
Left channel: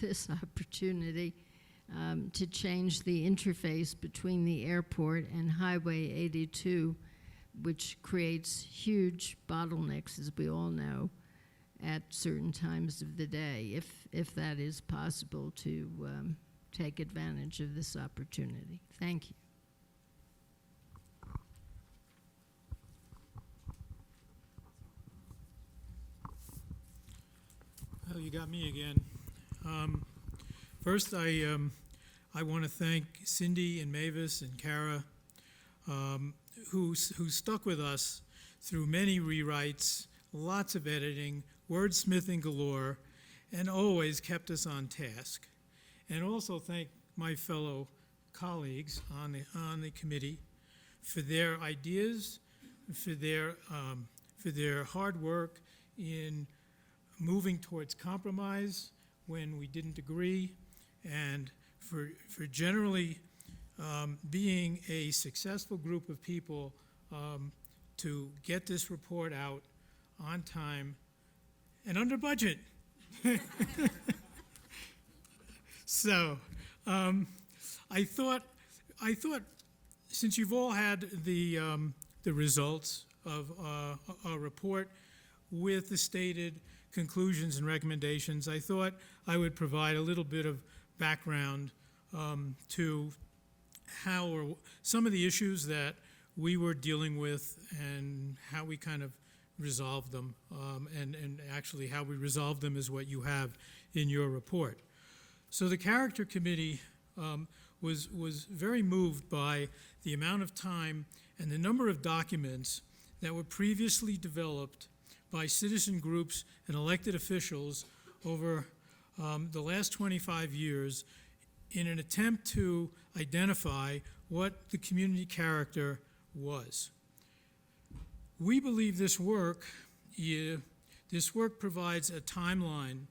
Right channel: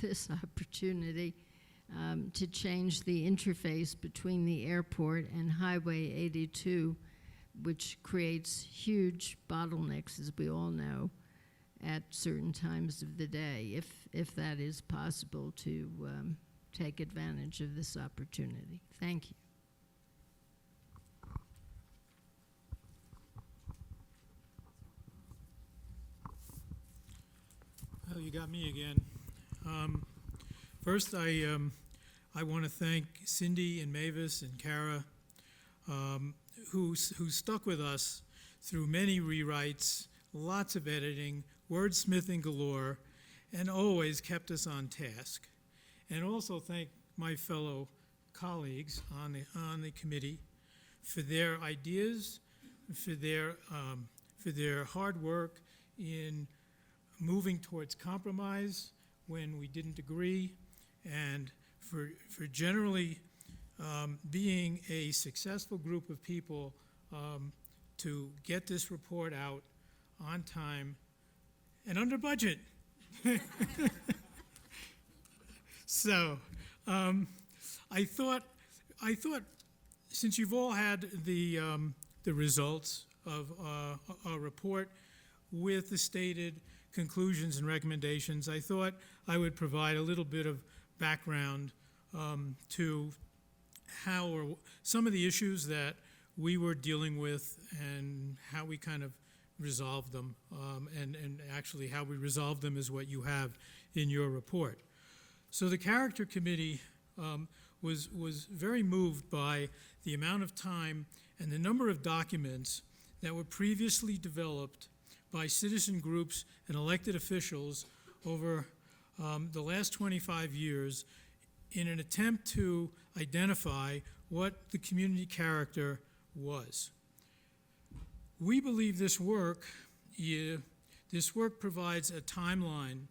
this opportunity to change the interface between the airport and Highway 82, which creates huge bottlenecks, as we all know, at certain times of the day, if that is possible to take advantage of this opportunity. Thank you. Well, you got me again. First, I I want to thank Cindy and Mavis and Kara, who stuck with us through many rewrites, lots of editing, wordsmithing galore, and always kept us on task. And also thank my fellow colleagues on the committee for their ideas, for their hard work in moving towards compromise when we didn't agree, and for generally being a successful group of people to get this report out on time and under budget. So I thought since you've all had the results of our report with the stated conclusions and recommendations, I thought I would provide a little bit of background to how or some of the issues that we were dealing with and how we kind of resolved them, and actually how we resolved them is what you have in your report. So the Character Committee was very moved by the amount of time and the number of documents that were previously developed by citizen groups and elected officials over the last 25 years in an attempt to identify what the community character was. We believe this work provides a timeline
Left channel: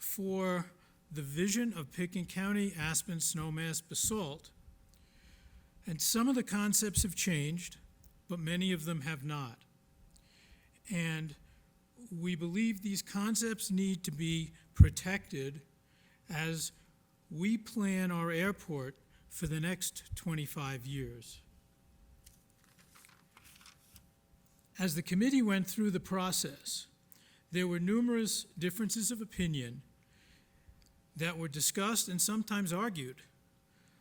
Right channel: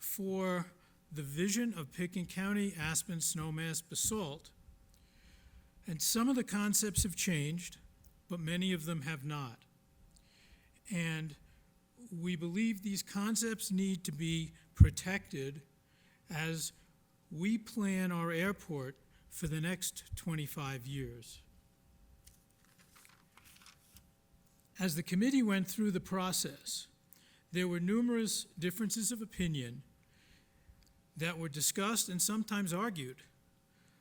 for the vision of Pitkin County aspen snowmass basalt, and some of the concepts have changed, but many of them have not. And we believe these concepts need to be protected as we plan our airport for the next 25 years. As the committee went through the process, there were numerous differences of opinion that were discussed and sometimes argued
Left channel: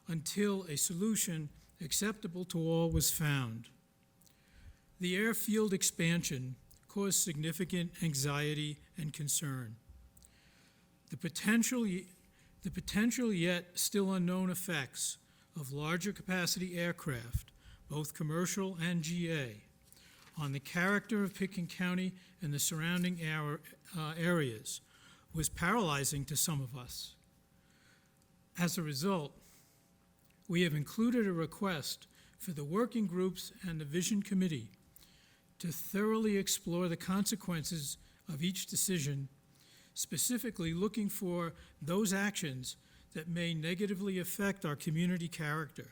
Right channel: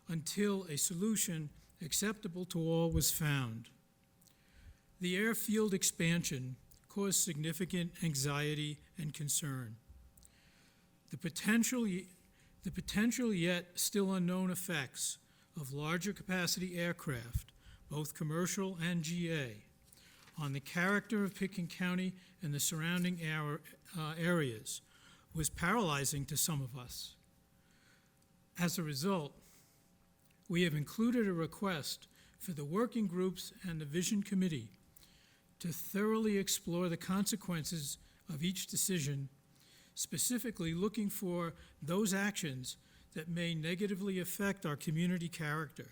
until a solution acceptable to all was found. The airfield expansion caused significant anxiety and concern. The potential yet still unknown effects of larger capacity aircraft, both commercial and GA, on the character of Pitkin County and the surrounding areas was paralyzing to some of us. As a result, we have included a request for the working groups and the Vision Committee to thoroughly explore the consequences of each decision, specifically looking for those actions that may negatively affect our community character.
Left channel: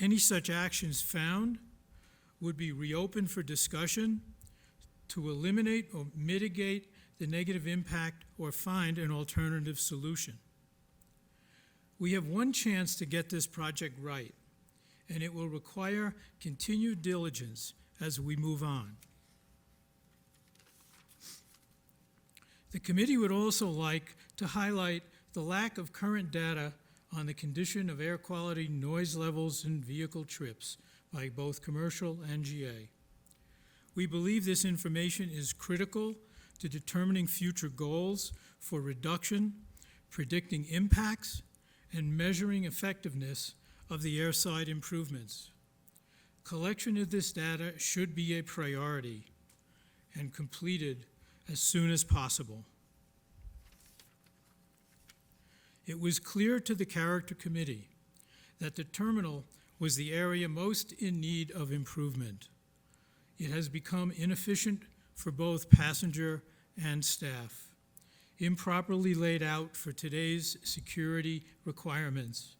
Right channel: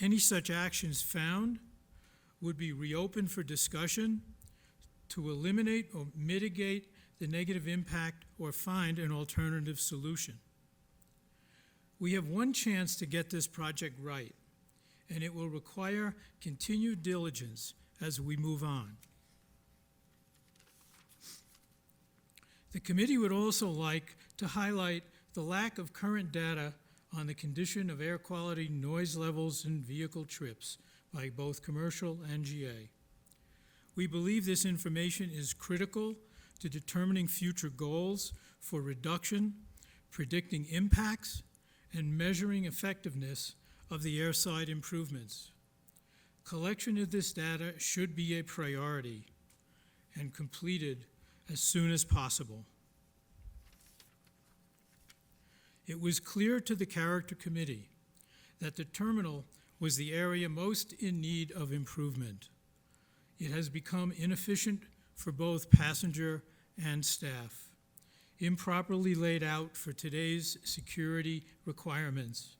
Any such actions found would be reopened for discussion to eliminate or mitigate the negative impact or find an alternative solution. We have one chance to get this project right, and it will require continued diligence as we move on. The committee would also like to highlight the lack of current data on the condition of air quality, noise levels, and vehicle trips by both commercial and GA. We believe this information is critical to determining future goals for reduction, predicting impacts, and measuring effectiveness of the airside improvements. Collection of this data should be a priority and completed as soon as possible. It was clear to the Character Committee that the terminal was the area most in need of improvement. It has become inefficient for both passenger and staff, improperly laid out for today's security requirements,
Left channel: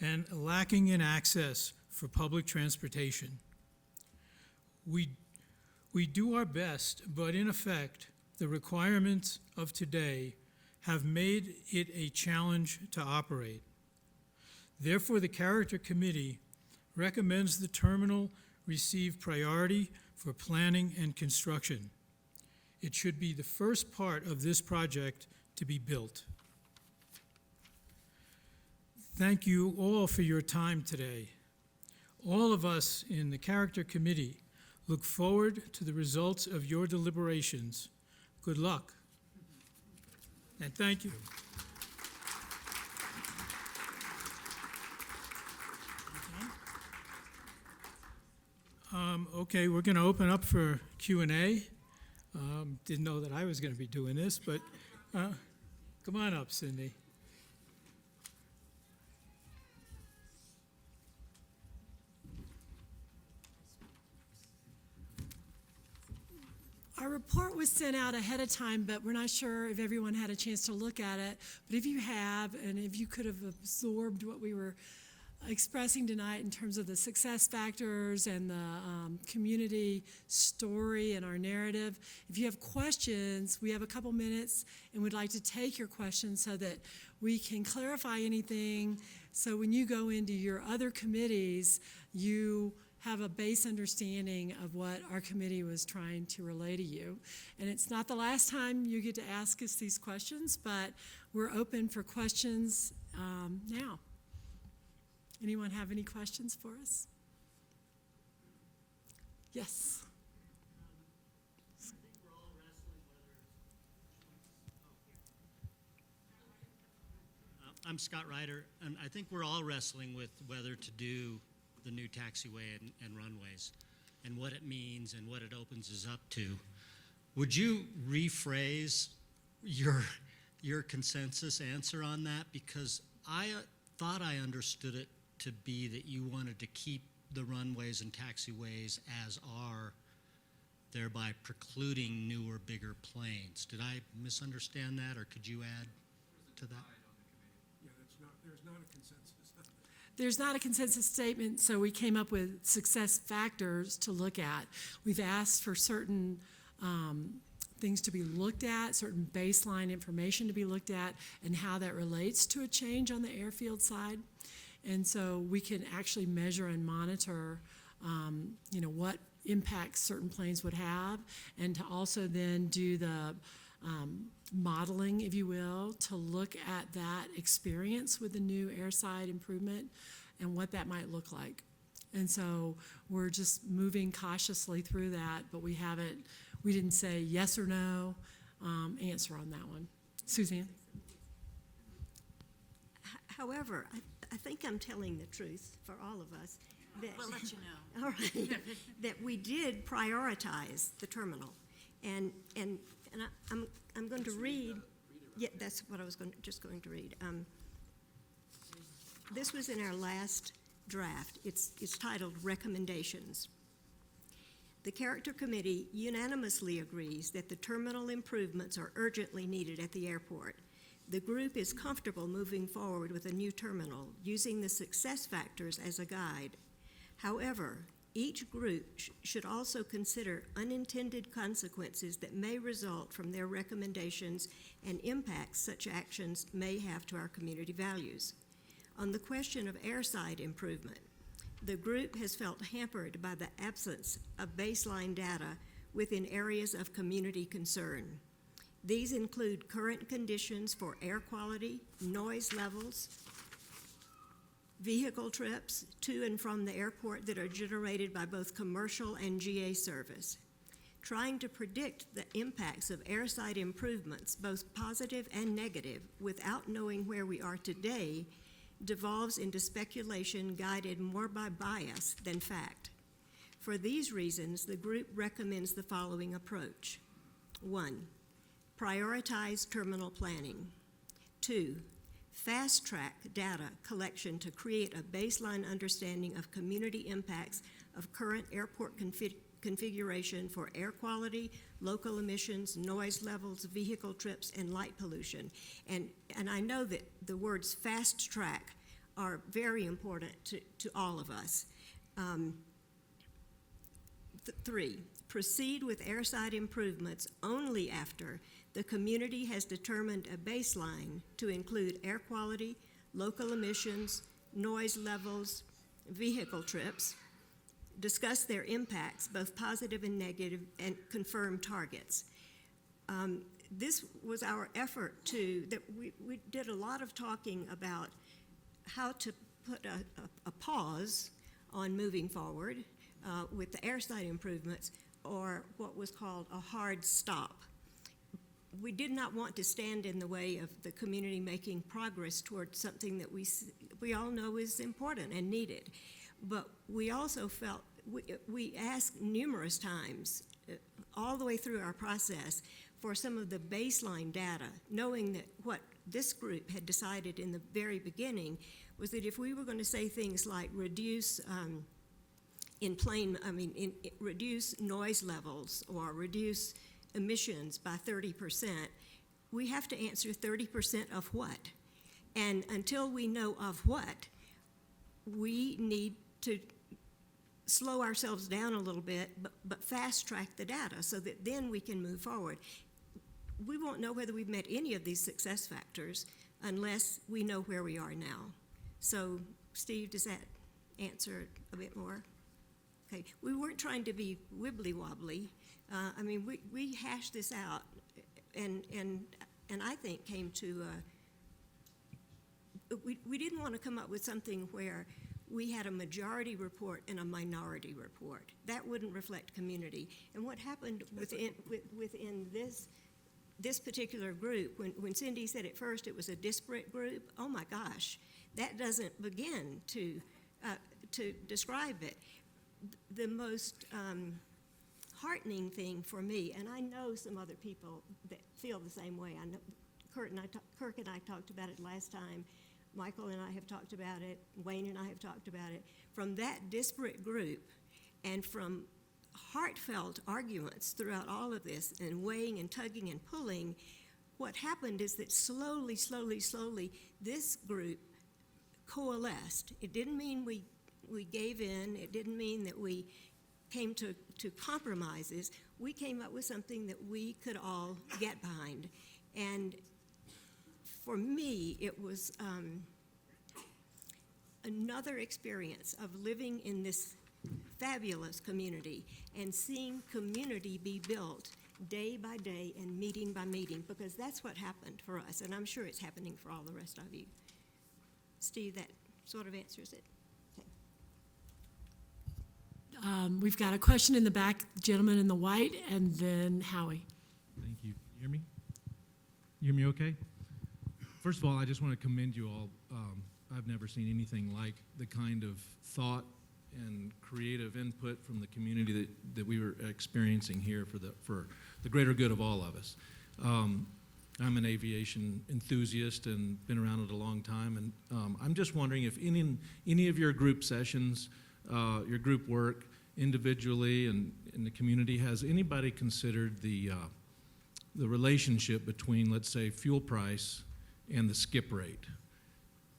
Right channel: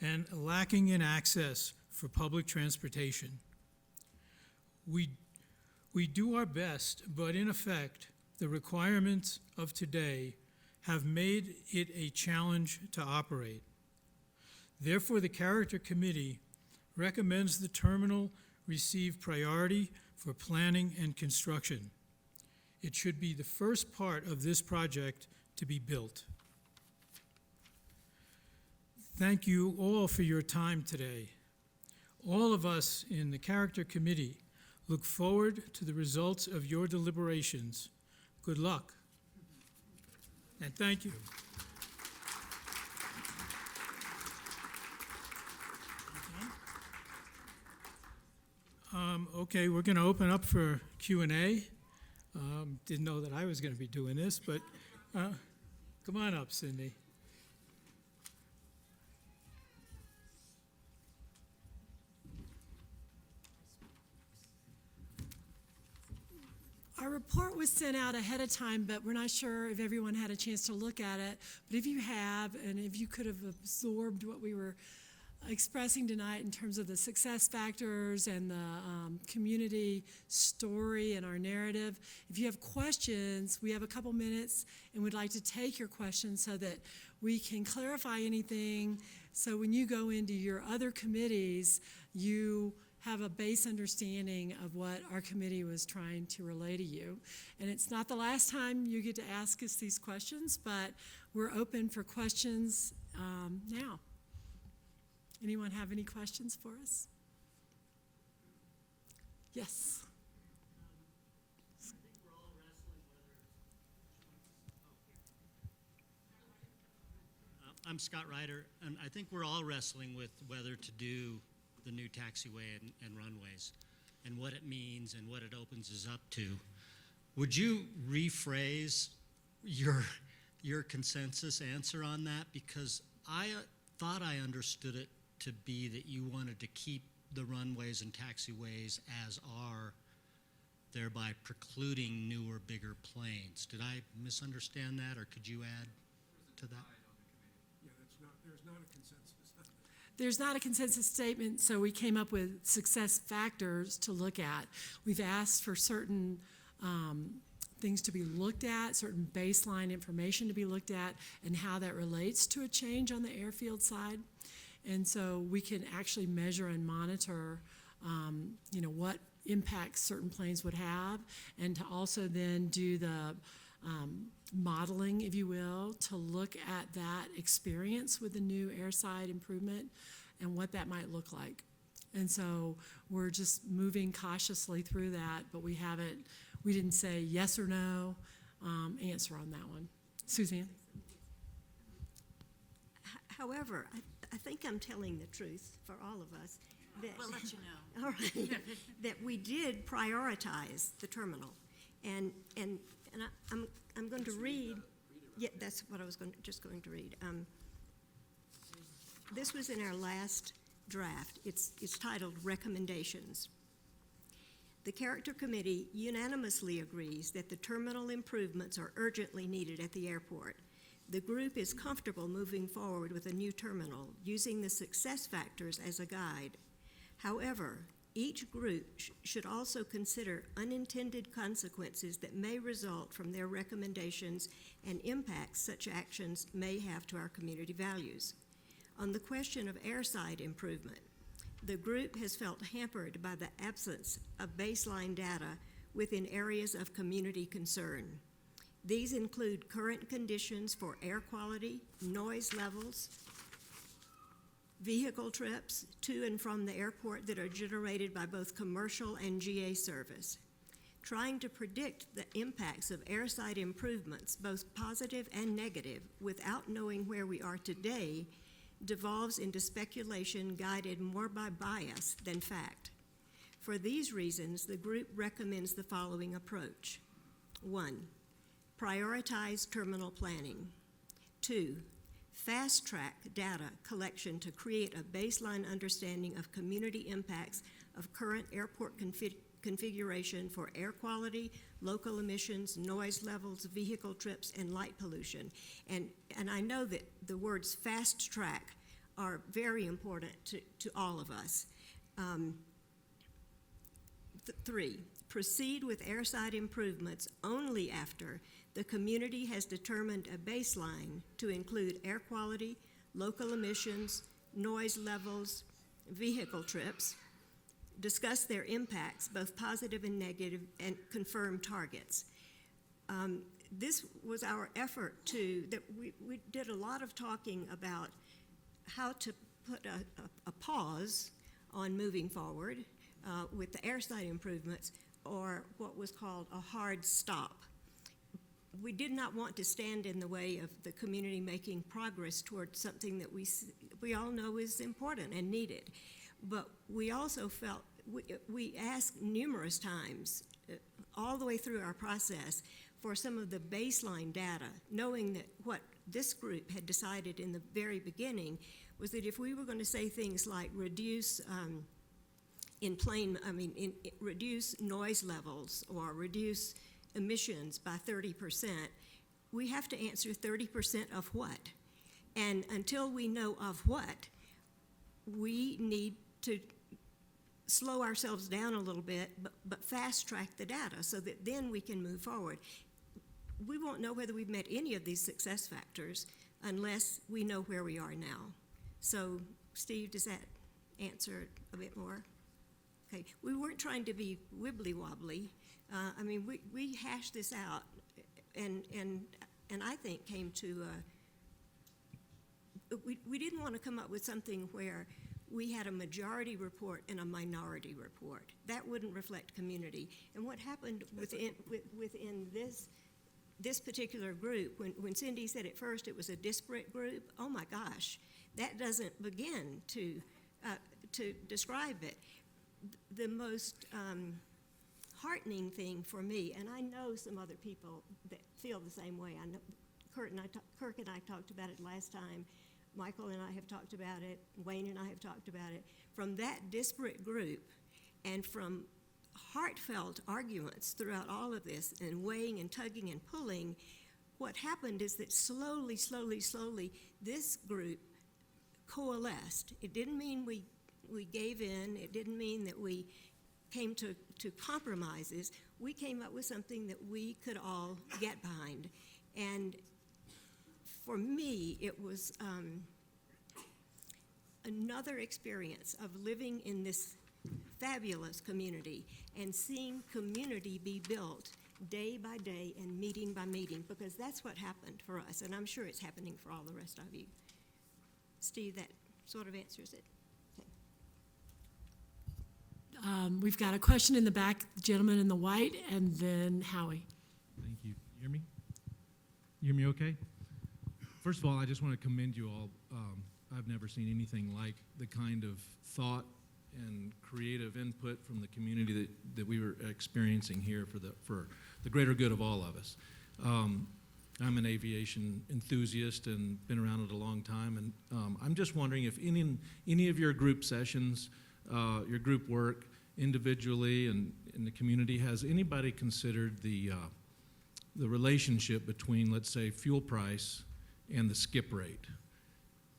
and lacking in access for public transportation. We do our best, but in effect, the requirements of today have made it a challenge to operate. Therefore, the Character Committee recommends the terminal receive priority for planning and construction. It should be the first part of this project to be built. Thank you all for your time today. All of us in the Character Committee look forward to the results of your deliberations. Good luck, and thank you. Okay, we're going to open up for Q&A. Didn't know that I was going to be doing this, but come on up, Cindy. Our report was sent out ahead of time, but we're not sure if everyone had a chance to look at it. But if you have, and if you could have absorbed what we were expressing tonight in terms of the success factors and the community story and our narrative, if you have questions, we have a couple minutes and we'd like to take your questions so that we can clarify anything. So when you go into your other committees, you have a base understanding of what our committee was trying to relay to you. And it's not the last time you get to ask us these questions, but we're open for questions now. Anyone have any questions for us? Yes. I'm Scott Ryder, and I think we're all wrestling with whether to do the new taxiway and runways and what it means and what it opens us up to. Would you rephrase your consensus answer on that? Because I thought I understood it to be that you wanted to keep the runways and taxiways as are, thereby precluding newer, bigger planes. Did I misunderstand that, or could you add to that? There's not a consensus statement, so we came up with success factors to look at. We've asked for certain things to be looked at, certain baseline information to be looked at, and how that relates to a change on the airfield side. And so we can actually measure and monitor, what impacts certain planes would have, and to also then do the modeling, if you will, to look at that experience with the new airside improvement and what that might look like. And so we're just moving cautiously through that, but we didn't say yes or no answer on that one. Suzanne? However, I think I'm telling the truth for all of us. We'll let you know. All right. That we did prioritize the terminal. And I'm going to read, yeah, that's what I was just going to read. This was in our last draft. It's titled Recommendations. The Character Committee unanimously agrees that the terminal improvements are urgently needed at the airport. The group is comfortable moving forward with a new terminal, using the success factors as a guide. However, each group should also consider unintended consequences that may result from their recommendations and impacts such actions may have to our community values. On the question of airside improvement, the group has felt hampered by the absence of baseline data within areas of community concern. These include current conditions for air quality, noise levels, vehicle trips to and from the airport that are generated by both commercial and GA service. Trying to predict the impacts of airside improvements, both positive and negative, without knowing where we are today, devolves into speculation guided more by bias than fact. For these reasons, the group recommends the following approach. 1, prioritize terminal planning. 2, fast-track data collection to create a baseline understanding of community impacts of current airport configuration for air quality, local emissions, noise levels, vehicle trips, and light pollution. And I know that the words fast-track are very important to all of us. 3, proceed with airside improvements only after the community has determined a baseline to include air quality, local emissions, noise levels, vehicle trips, discuss their impacts, both positive and negative, and confirm targets. This was our effort that we did a lot of talking about how to put a pause on moving forward with the airside improvements, or what was called a hard stop. We did not want to stand in the way of the community making progress towards something that we all know is important and needed. But we also felt we asked numerous times, all the way through our process, for some of the baseline data, knowing that what this group had decided in the very beginning was that if we were going to say things like reduce reduce noise levels or reduce emissions by 30%, we have to answer 30% of what? And until we know of what, we need to slow ourselves down a little bit, but fast track the data so that then we can move forward. We won't know whether we've met any of these success factors unless we know where we are now. So, Steve, does that answer it a bit more? Okay, we weren't trying to be wibbly wobbly. We hashed this out, and I think came to. We didn't want to come up with something where we had a majority report and a minority report. That wouldn't reflect community. And what happened within this particular group, when Cindy said at first it was a disparate group, oh my gosh, that doesn't begin to describe it. The most heartening thing for me, and I know some other people that feel the same way. I know Kirk and I talked about it last time. Michael and I have talked about it. Wayne and I have talked about it. From that disparate group and from heartfelt arguments throughout all of this and weighing and tugging and pulling, what happened is that slowly, this group coalesced. It didn't mean we gave in. It didn't mean that we came to compromises. We came up with something that we could all get behind. And for me, it was another experience of living in this fabulous community and seeing community be built day by day and meeting by meeting, because that's what happened for us, and I'm sure it's happening for all the rest of you. Steve, that sort of answers it. Okay. We've got a question in the back, the gentleman in the white, and then Howie. Thank you. You hear me? You hear me okay? First of all, I just want to commend you all. I've never seen anything like the kind of thought and creative input from the community that we were experiencing here for the greater good of all of us. I'm an aviation enthusiast and been around it a long time, and I'm just wondering if any of your group sessions, your group work individually and in the community, has anybody considered the relationship between, let's say, fuel price and the skip rate?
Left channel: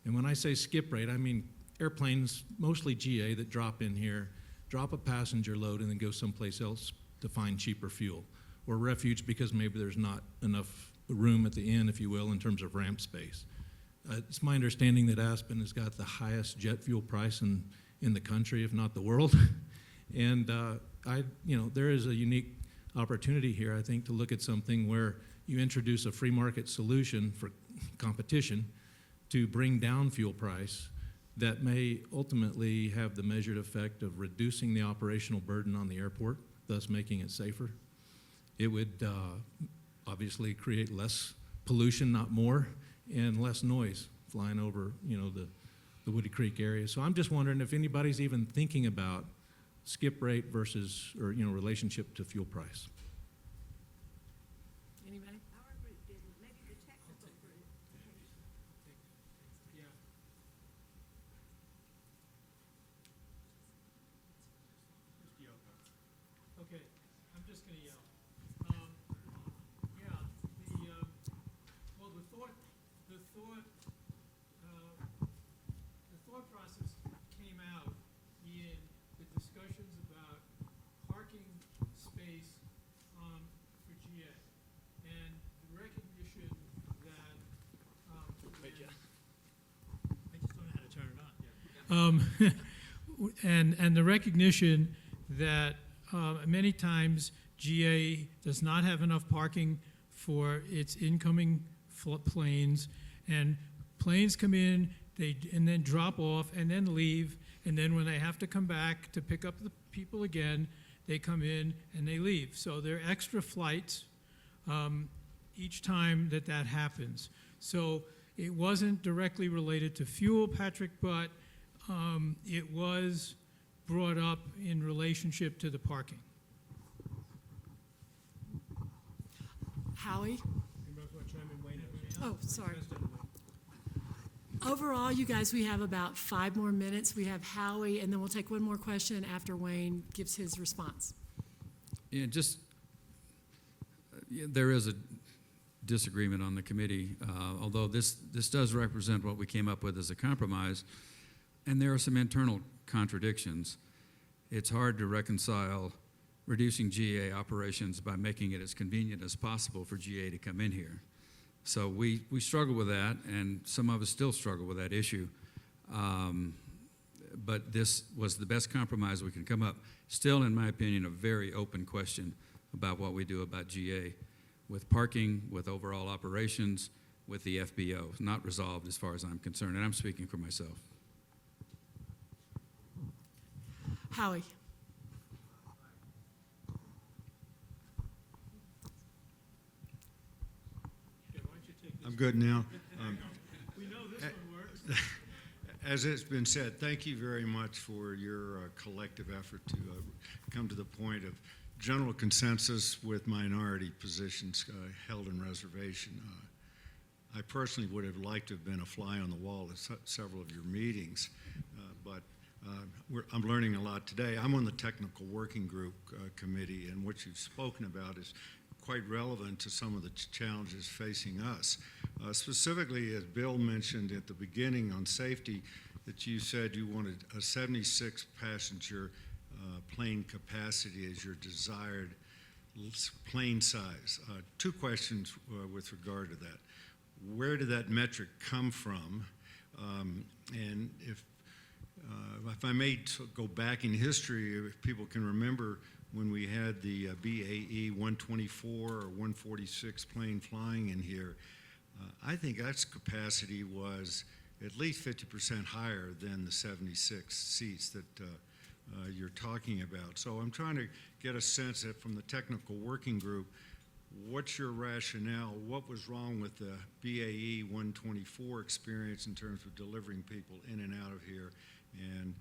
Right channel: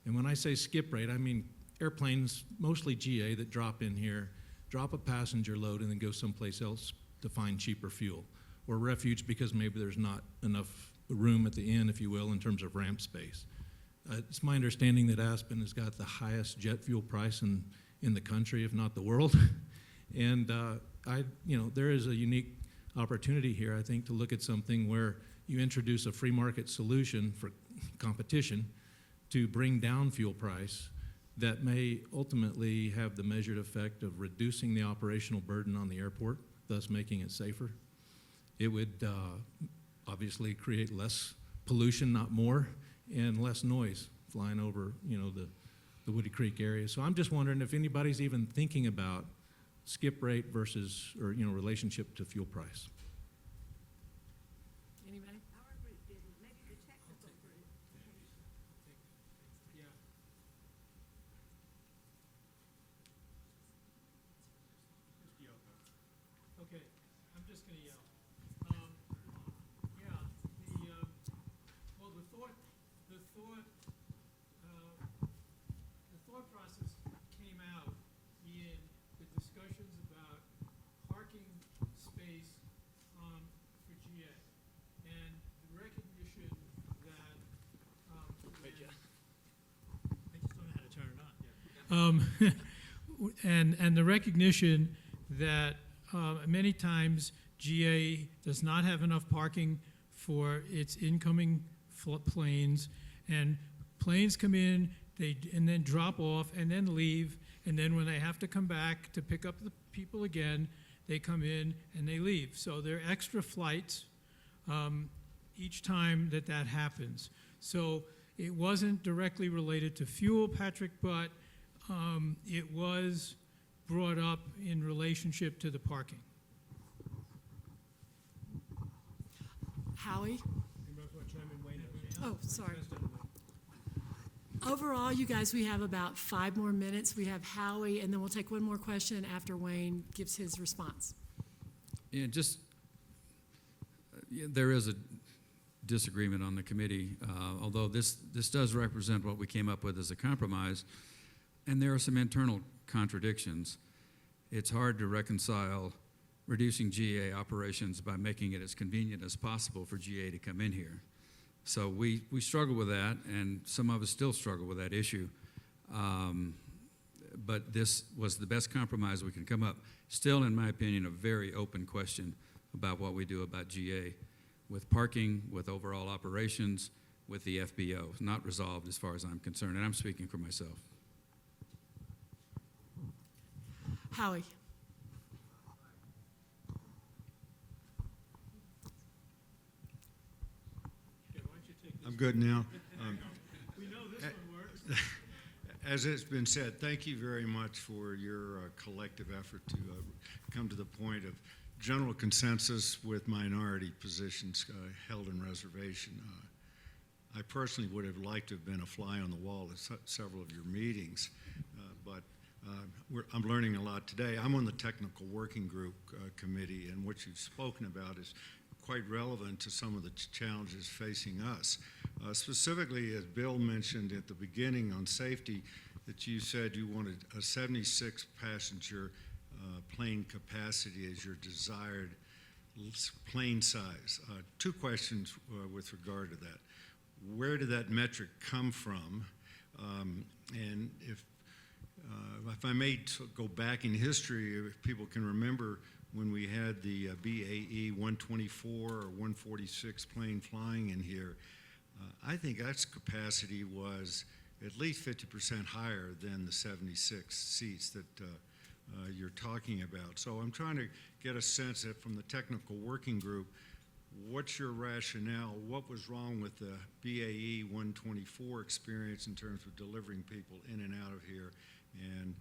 And when I say skip rate, I mean airplanes, mostly GA, that drop in here, drop a passenger load, and then go someplace else to find cheaper fuel, or refuge because maybe there's not enough room at the end, if you will, in terms of ramp space. It's my understanding that Aspen has got the highest jet fuel price in the country, if not the world. And there is a unique opportunity here, I think, to look at something where you introduce a free market solution for competition to bring down fuel price that may ultimately have the measured effect of reducing the operational burden on the airport, thus making it safer. It would obviously create less pollution, not more, and less noise flying over, the Woody Creek area. So I'm just wondering if anybody's even thinking about skip rate versus, relationship to fuel price. Anybody? Okay, I'm just going to yell. The thought process came out in the discussions about parking space for GA and recognition that I just don't know how to turn it on. And the recognition that many times GA does not have enough parking for its incoming planes, and planes come in, and then drop off and then leave, and then when they have to come back to pick up the people again, they come in and they leave. So there are extra flights each time that happens. So it wasn't directly related to fuel, Patrick, but it was brought up in relationship to the parking? Howie? Oh, sorry. Overall, you guys, we have about 5 more minutes. We have Howie, and then we'll take one more question after Wayne gives his response. Yeah, there is a disagreement on the committee, although this does represent what we came up with as a compromise, and there are some internal contradictions. It's hard to reconcile reducing GA operations by making it as convenient as possible for GA to come in here. So we struggle with that, and some of us still struggle with that issue. But this was the best compromise we can come up. Still, in my opinion, a very open question about what we do about GA with parking, with overall operations, with the FBO. Not resolved as far as I'm concerned, and I'm speaking for myself. Howie? I'm good now. We know this one works. As it's been said, thank you very much for your collective effort to come to the point of general consensus with minority positions held in reservation. I personally would have liked to have been a fly on the wall at several of your meetings, but I'm learning a lot today. I'm on the technical working group committee, and what you've spoken about is quite relevant to some of the challenges facing us. Specifically, as Bill mentioned at the beginning on safety, that you said you wanted a 76 passenger plane capacity as your desired plane size. 2 questions with regard to that. Where did that metric come from? And if I may go back in history, if people can remember when we had the BAE 124 or 146 plane flying in here, I think that capacity was at least 50% higher than the 76 seats that you're talking about. So I'm trying to get a sense that from the technical working group, what's your rationale? What was wrong with the BAE 124 experience in terms of delivering people in and out of here? And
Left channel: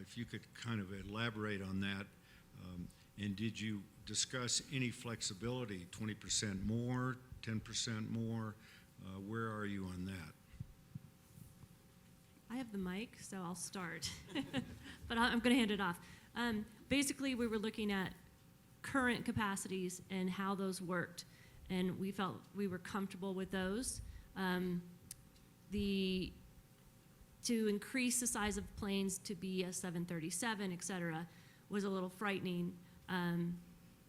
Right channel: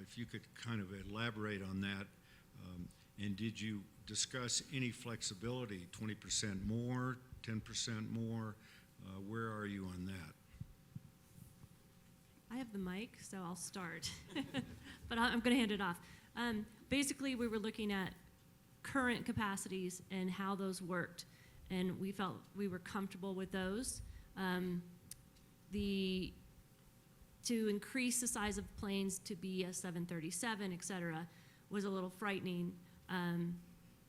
if you could kind of elaborate on that. And did you discuss any flexibility, 20% more, 10% more? Where are you on that? I have the mic, so I'll start. But I'm going to hand it off. Basically, we were looking at current capacities and how those worked, and we felt we were comfortable with those. To increase the size of planes to be a 737, et cetera, was a little frightening,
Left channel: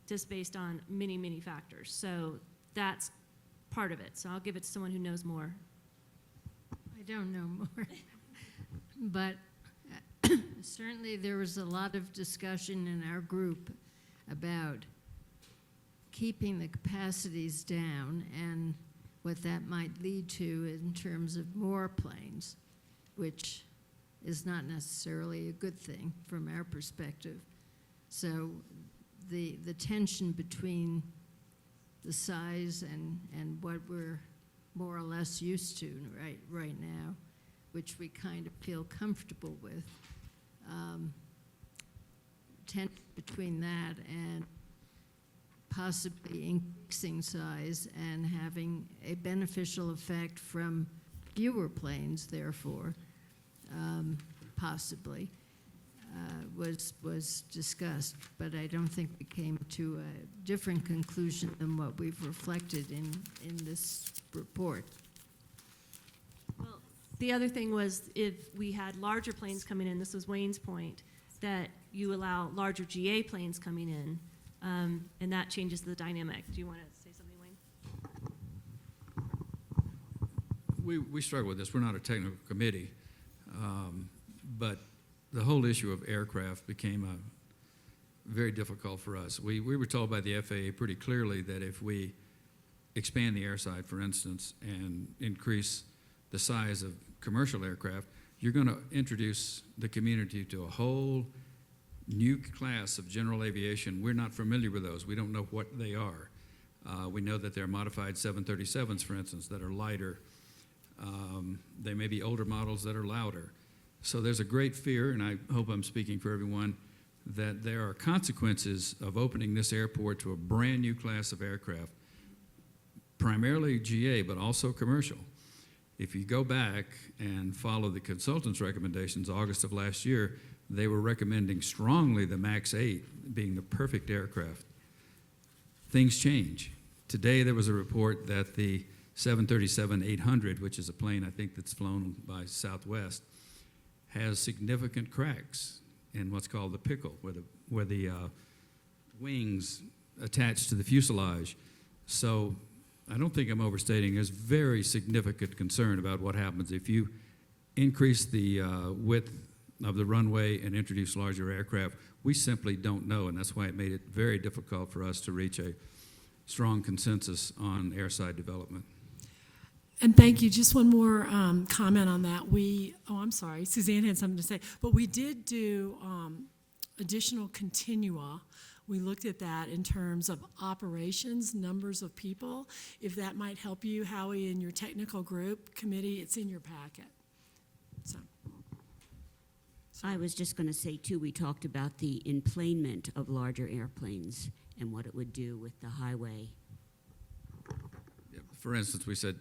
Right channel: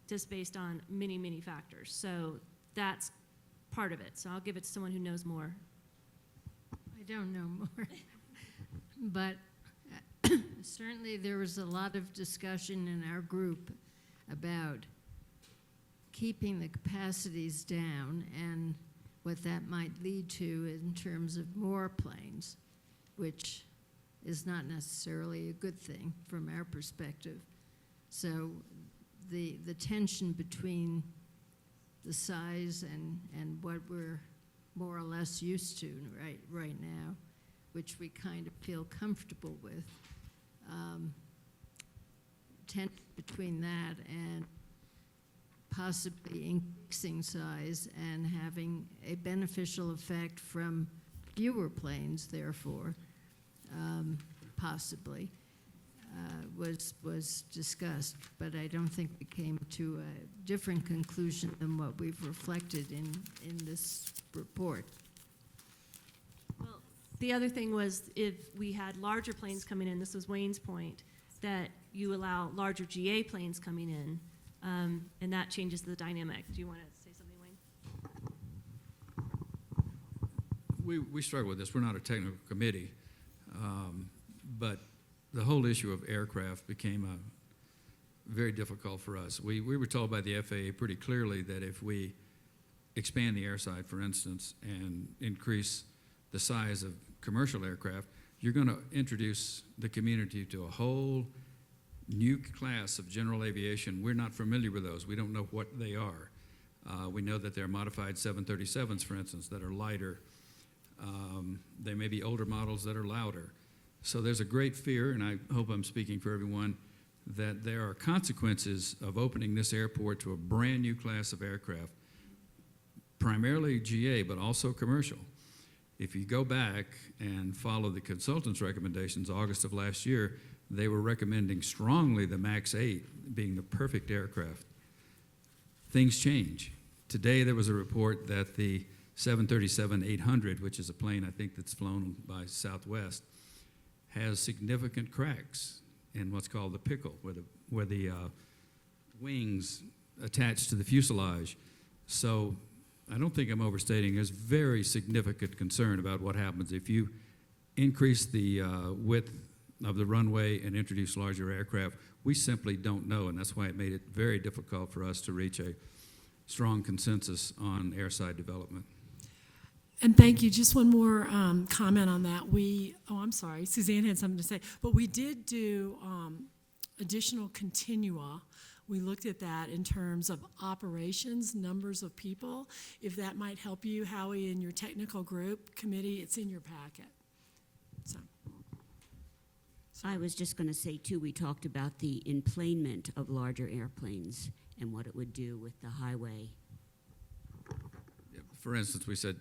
just based on many, many factors. So that's part of it. So I'll give it to someone who knows more. I don't know more, but certainly there was a lot of discussion in our group about keeping the capacities down and what that might lead to in terms of more planes, which is not necessarily a good thing from our perspective. So the tension between the size and what we're more or less used to right now, which we kind of feel comfortable with, tension between that and possibly increasing size and having a beneficial effect from fewer planes, therefore, possibly, was discussed, but I don't think we came to a different conclusion than what we've reflected in this report. Well, the other thing was if we had larger planes coming in, this was Wayne's point, that you allow larger GA planes coming in, and that changes the dynamic. Do you want to say something, Wayne? We struggle with this. We're not a technical committee, but the whole issue of aircraft became very difficult for us. We were told by the FAA pretty clearly that if we expand the airside, for instance, and increase the size of commercial aircraft, you're going to introduce the community to a whole new class of general aviation. We're not familiar with those. We don't know what they are. We know that they're modified 737s, for instance, that are lighter. They may be older models that are louder. So there's a great fear, and I hope I'm speaking for everyone, that there are consequences of opening this airport to a brand new class of aircraft, primarily GA, but also commercial. If you go back and follow the consultants' recommendations, August of last year, they were recommending strongly the MAX 8 being the perfect aircraft. Things change. Today there was a report that the 737-800, which is a plane I think that's flown by Southwest, has significant cracks in what's called the pickle, where the wings attach to the fuselage. So I don't think I'm overstating. There's very significant concern about what happens if you increase the width of the runway and introduce larger aircraft. We simply don't know, and that's why it made it very difficult for us to reach a strong consensus on airside development. And thank you. Just one more comment on that. I'm sorry, Suzanne had something to say, but we did do additional continua. We looked at that in terms of operations, numbers of people. If that might help you, Howie, in your technical group committee, it's in your packet. So. I was just going to say, too, we talked about the enplanement of larger airplanes and what it would do with the highway. Yeah, for instance, we said,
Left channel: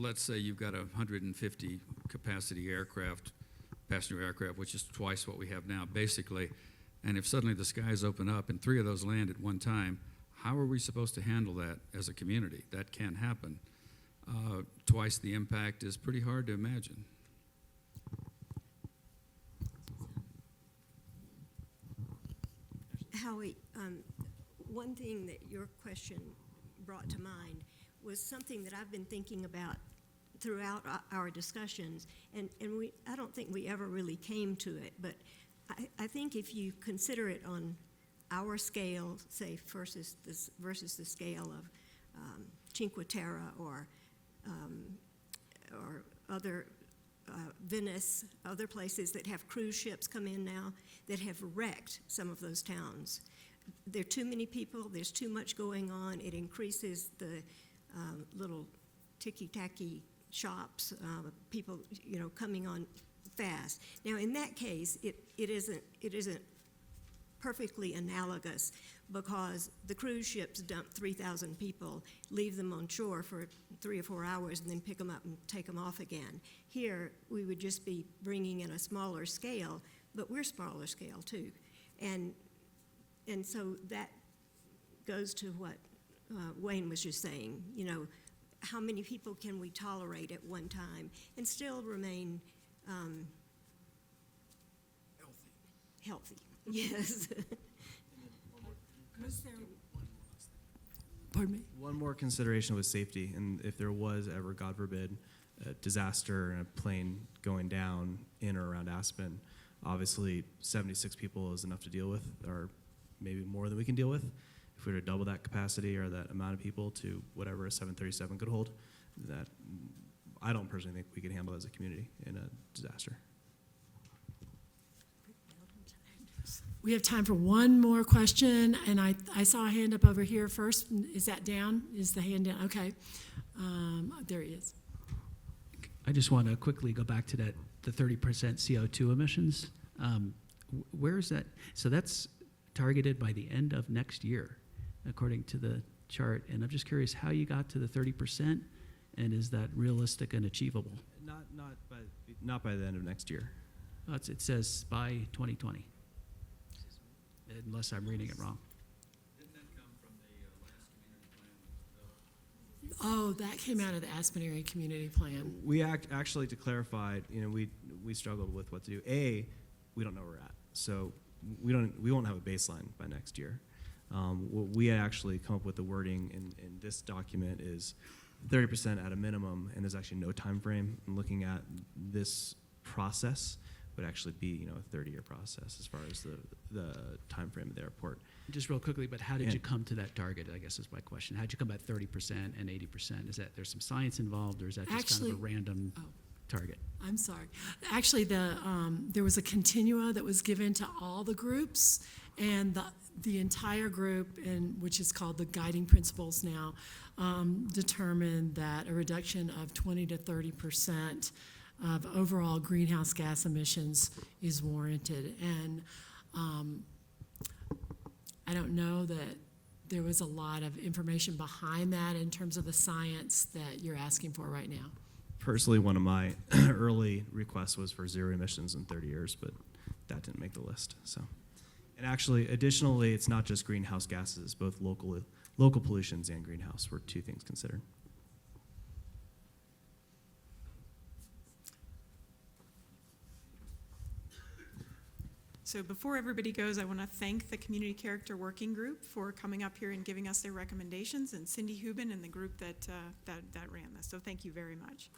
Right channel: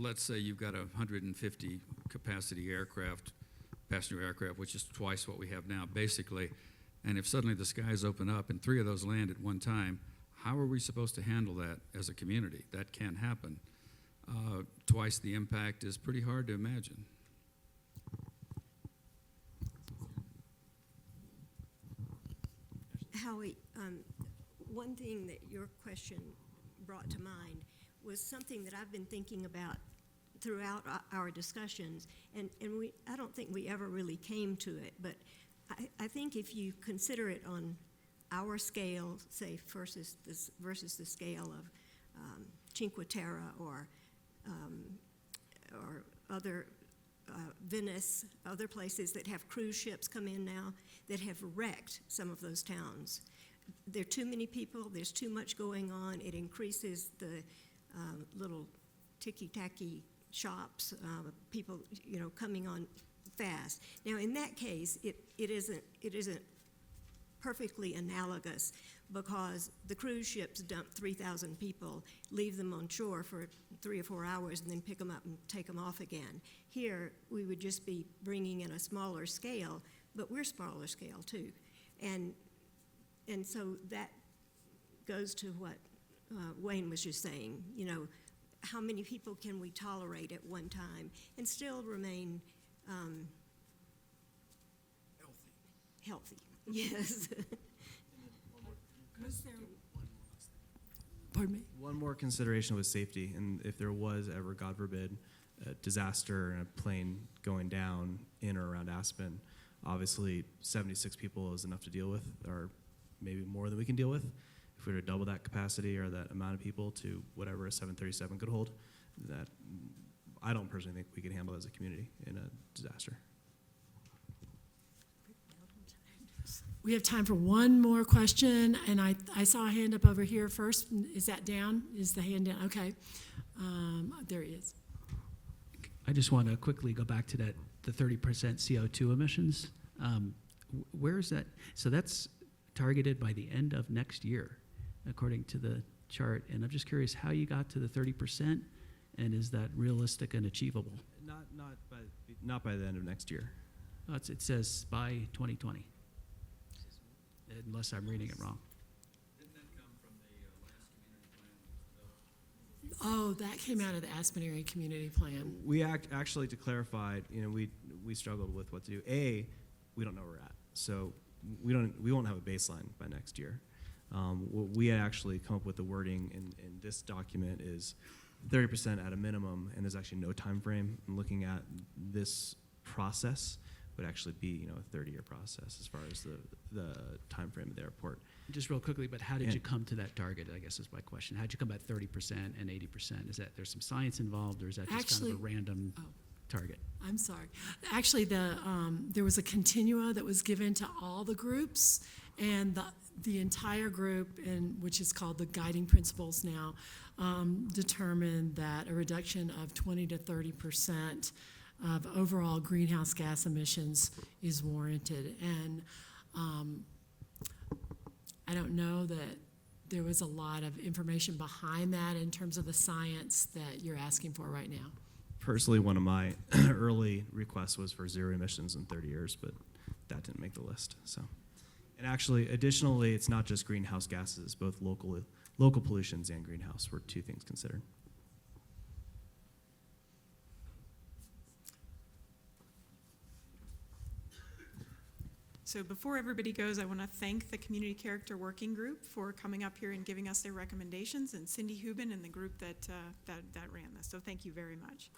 let's say you've got a 150 capacity aircraft, passenger aircraft, which is twice what we have now, basically. And if suddenly the skies open up and 3 of those land at one time, how are we supposed to handle that as a community? That can't happen. Twice the impact is pretty hard to imagine. Howie, one thing that your question brought to mind was something that I've been thinking about throughout our discussions, and I don't think we ever really came to it, but I think if you consider it on our scale, say, versus the scale of Cinque Terre or other Venice, other places that have cruise ships come in now that have wrecked some of those towns. There are too many people, there's too much going on, it increases the little ticky-tacky shops, people, coming on fast. Now, in that case, it isn't perfectly analogous because the cruise ships dump 3,000 people, leave them on shore for 3 or 4 hours, and then pick them up and take them off again. Here, we would just be bringing in a smaller scale, but we're smaller scale too. And so that goes to what Wayne was just saying, how many people can we tolerate at one time and still remain healthy? Yes. Pardon me? One more consideration was safety, and if there was ever, God forbid, a disaster and a plane going down in or around Aspen, obviously 76 people is enough to deal with, or maybe more than we can deal with. If we were to double that capacity or that amount of people to whatever a 737 could hold, that I don't personally think we could handle as a community in a disaster. We have time for one more question, and I saw a hand up over here first. Is that down? Is the hand down? Okay. There he is. I just want to quickly go back to the 30% CO2 emissions. Where is that? So that's targeted by the end of next year, according to the chart. And I'm just curious how you got to the 30%, and is that realistic and achievable? Not by the end of next year. Well, it says by 2020, unless I'm reading it wrong. Oh, that came out of the Aspen Area Community Plan. We actually, to clarify, we struggled with what to do. A, we don't know where we're at, so we won't have a baseline by next year. What we actually come up with the wording in this document is 30% at a minimum, and there's actually no time frame. And looking at this process would actually be a 30-year process as far as the time frame of the airport. Just real quickly, but how did you come to that target, I guess is my question. How did you come at 30% and 80%? Is that there's some science involved, or is that just kind of a random target? I'm sorry. Actually, there was a continua that was given to all the groups, and the entire group, which is called the guiding principles now, determined that a reduction of 20 to 30% of overall greenhouse gas emissions is warranted. And I don't know that there was a lot of information behind that in terms of the science that you're asking for right now. Personally, one of my early requests was for zero emissions in 30 years, but that didn't make the list. So, and actually, additionally, it's not just greenhouse gases; both local pollutions and greenhouse were two things considered. So before everybody goes, I want to thank the Community Character Working Group for coming up here and giving us their recommendations, and Cindy Hubin and the group that ran this. So thank you very much.